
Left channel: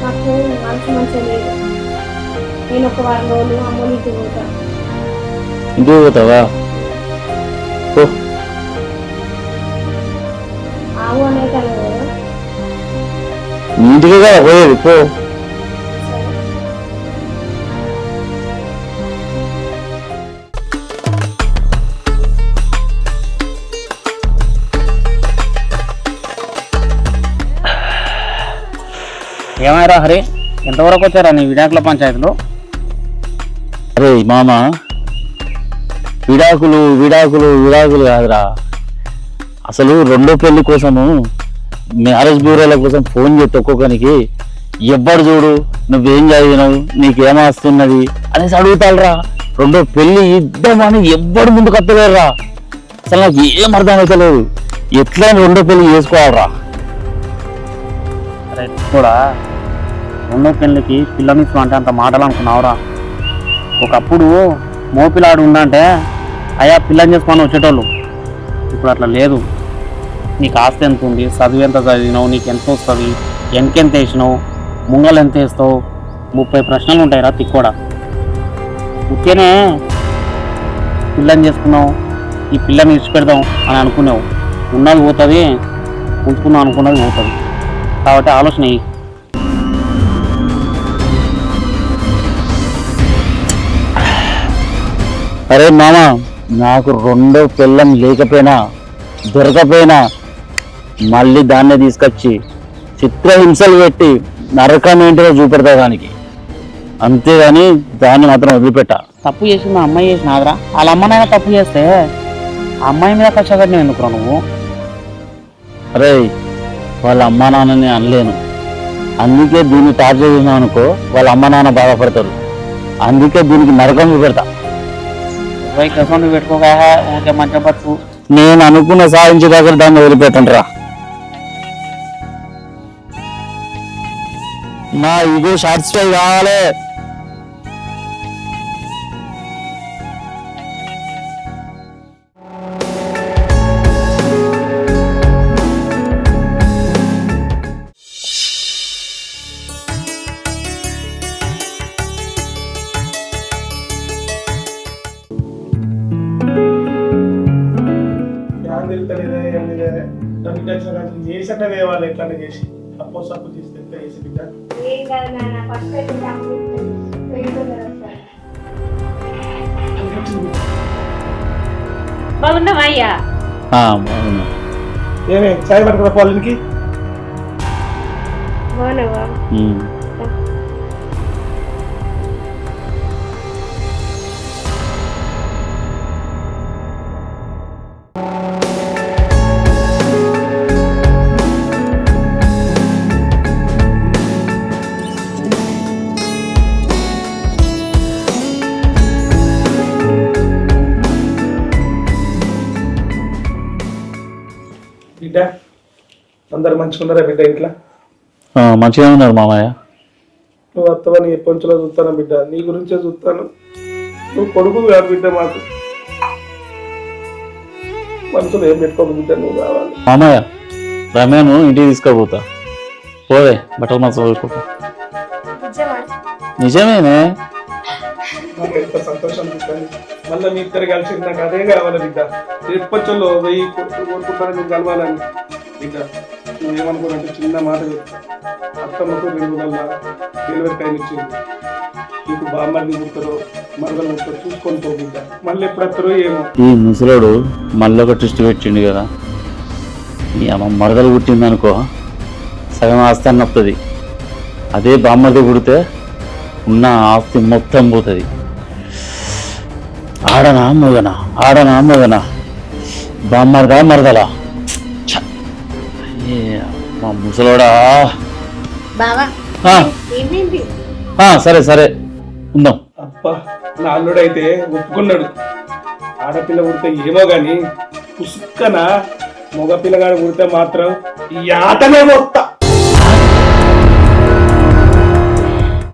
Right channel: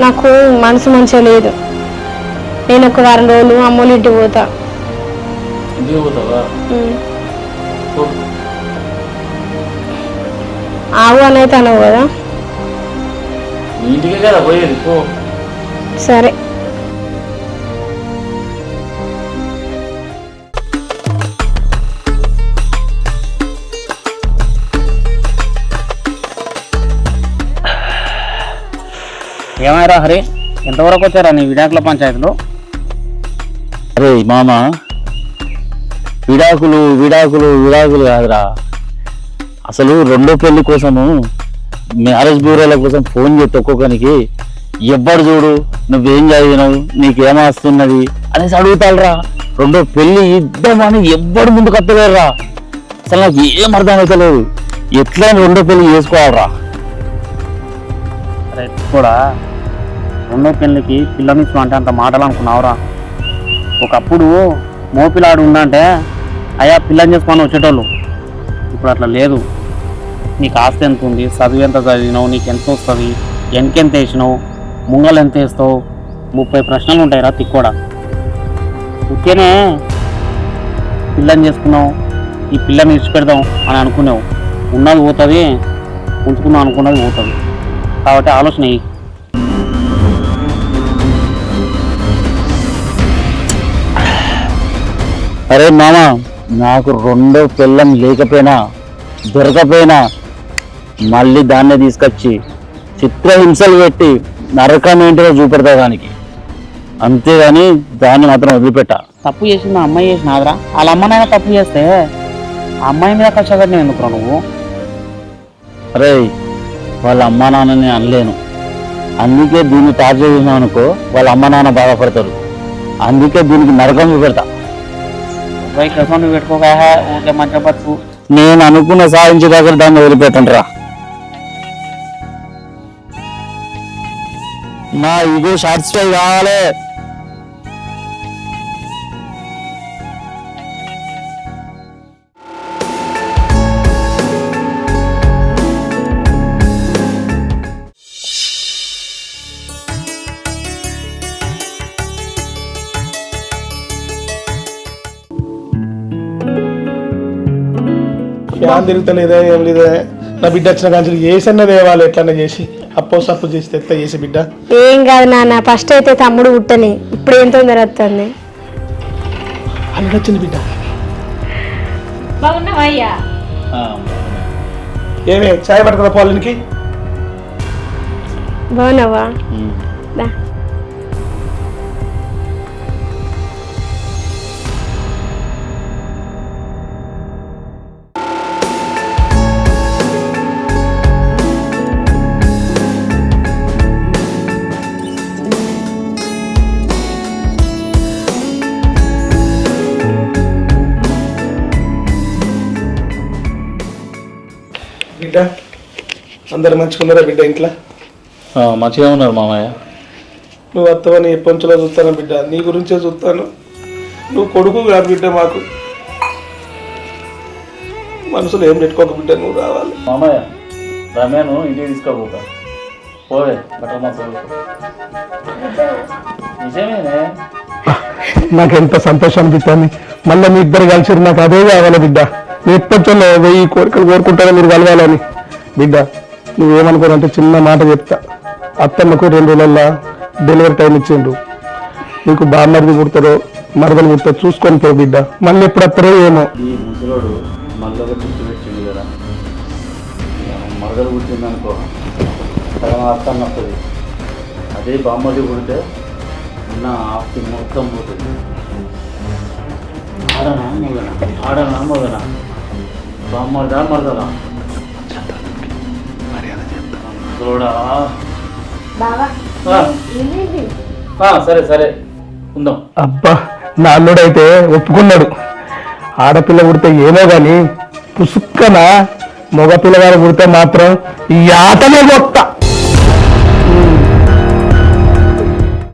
నాకు మనసు మంచిగా లేదు. నేను ఒక 1 రోజులు అమ్మోళ్ళ ఇంటికి పోతా. ఇంటికి పోతావా? ఆవు అనేది అన్నావు కదా. నీ ఇంటికి కదా పోయేది, పో. సరే. ఏమైరా హరి, ఎంతవరకు వచ్చారా నీ విడాకుల పంచాయతీలో? అరే మామ, విడాకులు విడాకులు విడాకులు కాదురా. అసలు రెండో పెళ్లి కోసము మ్యారేజ్ బ్యూరోల కోసం ఫోన్ చేస్తే ఒక్కొక్కరికి ఎవ్వడు చూడు నువ్వేం చదివినావు, నీకేమొస్తున్నది అనేసి అడుగుతారా. రెండో పెళ్లి ఇద్దామని ఎవ్వడు ముందుకు వస్తలేరురా. అసలు నాకు ఏం అర్థం అవుతలేదు. ఎట్లయినా రెండో పెళ్లి చేసుకోవాలరా. అరే కూడా రెండో పెళ్ళికి పిల్లనిచ్చు అంటే అంత మాటలు అనుకున్నావురా. ఒకప్పుడు మోపిలాడు ఉందంటే అయ్యా పిల్లని చేసుకొని వచ్చేటోళ్ళు. ఇప్పుడు అట్లా లేదు. నీకు ఆస్తి ఎంత ఉంది, చదువు ఎంత చదివినావు, నీకు ఎంత వస్తుంది, వెనకెంత వేసినావు, ముంగలు ఎంత వేస్తావు, 30 ప్రశ్నలు ఉంటాయిరా తిక్కోడా. ఉత్తేనే పిల్లని చేసుకున్నావు, ఈ పిల్లని ఇచ్చిపెడదాం అని అనుకున్నావు. ఉన్నది పోతుంది, ఉంచుకున్నావు అనుకున్నది పోతుంది. కాబట్టి ఆలోచన. అరే మామ, నాకు రెండో పిల్లం లేకపోయినా దొరకపోయినా మళ్ళీ దాన్నే తీసుకొచ్చి చిత్రహింసలు పెట్టి నరకం ఏంటిదో చూపెడతా దానికి. అంతేగాని దాన్ని మాత్రం వదిలిపెట్టా. తప్పు చేసింది ఆ అమ్మాయి చేసినాదిరా. వాళ్ళ అమ్మనైనా తప్పు చేస్తే ఆ అమ్మాయి మీద కష్టపడిన ఎందుకురా నువ్వు? అరే వాళ్ళ అమ్మా నాన్నని అనలేను, అందుకే దీన్ని టార్చర్ చేసినావు అనుకో వాళ్ళ అమ్మ నాన్న బాధపడతారు. అందుకే దీనికి నరకం చూపెడతా. పెట్టుకోక ఊరికే మంచిగా బతుకు. నేను అనుకున్న సాధించే దగ్గర దాన్ని వదిలిపెట్టండి రా. నా ఇగో సాటిస్ఫై కావాలి. ఫ్యాన్ తిరుగుతలేదా ఏం లేదా నా బిడ్డ వచ్చిన కాంచెలు చేసన్న దేవాలి ఎట్లన్నా చేసి అప్పో సప్పు చేసి తెత్త చేసి బిడ్డ. ఏం కాదు నాన్న, ఫస్ట్ అయితే తమ్ముడు పుట్టని, ఇప్పుడు ఏం తొందర వస్తుంది. అల్లుడు వచ్చింది బిడ్డ. బాగున్నావయ్యా? ఏమే చాయ్ పట్టుకున్న పోలనికి బాగున్నావా? దా. బిడ్డ అందరు మంచుకున్నారా బిడ్డ ఇంట్లో? మంచిగా ఉన్నారు మామయ్య. నువ్వు వస్తావని ఎప్పటిలో చూస్తాను బిడ్డ, నీ గురించే చూస్తాను. నువ్వు కొడుకు కాదు బిడ్డ, మాకు మనసులో ఏం పెట్టుకోదు బిడ్డ, నువ్వు కావాలి. మామయ్య రమ్యను ఇంటికి తీసుకుపోతా. పోదే బట్టలు మంచిగా చదువుకుంటా. నిజమేనే. నాకు ఎంత సంతోషం అనిపిస్తుంది. మళ్ళీ మీ ఇద్దరు కలిసి నాకు అదే కావాలి బిడ్డ. మీ ఇప్పట్లో 1000 కోరికలు కోరుకుంటారో మీరు కలవాలని. బిడ్డ నువ్వేమనుకోనంటే చిన్న మాట చెప్తా. అత్తమ్మకు 2 రోజుల్లో డెలివరీ టైం ఇచ్చిండ్రు. నీకు బామ్మర్ది పుడతారో మరదలు పుడతారో చూసుకొని పో బిడ్డ. మళ్ళీ ఎప్పుడు వస్తారో ఏమో. ఈ ముసలోడు మళ్ళీ ఒక ట్విస్ట్ పెట్టిండు కదా. ఈ అమ్మ మరదలు పుట్టిందనుకో సగం ఆస్తి అని వస్తుంది. అదే బామ్మది పుడితే ఉన్న ఆస్తి మొత్తం పోతుంది. ఆడనా మగనా, ఆడనా మగనా, బామ్మర్దా మరదలా. మా ముసలోడా. సరే సరే ఉందాం. అబ్బా నా అల్లుడైతే ఒప్పుకున్నాడు. ఆడపిల్ల పుడితే ఏమో గాని పుసుక్కన మగ పిల్లగాడు పుడితే మాత్రం ఈ ఆటనే కొత్త.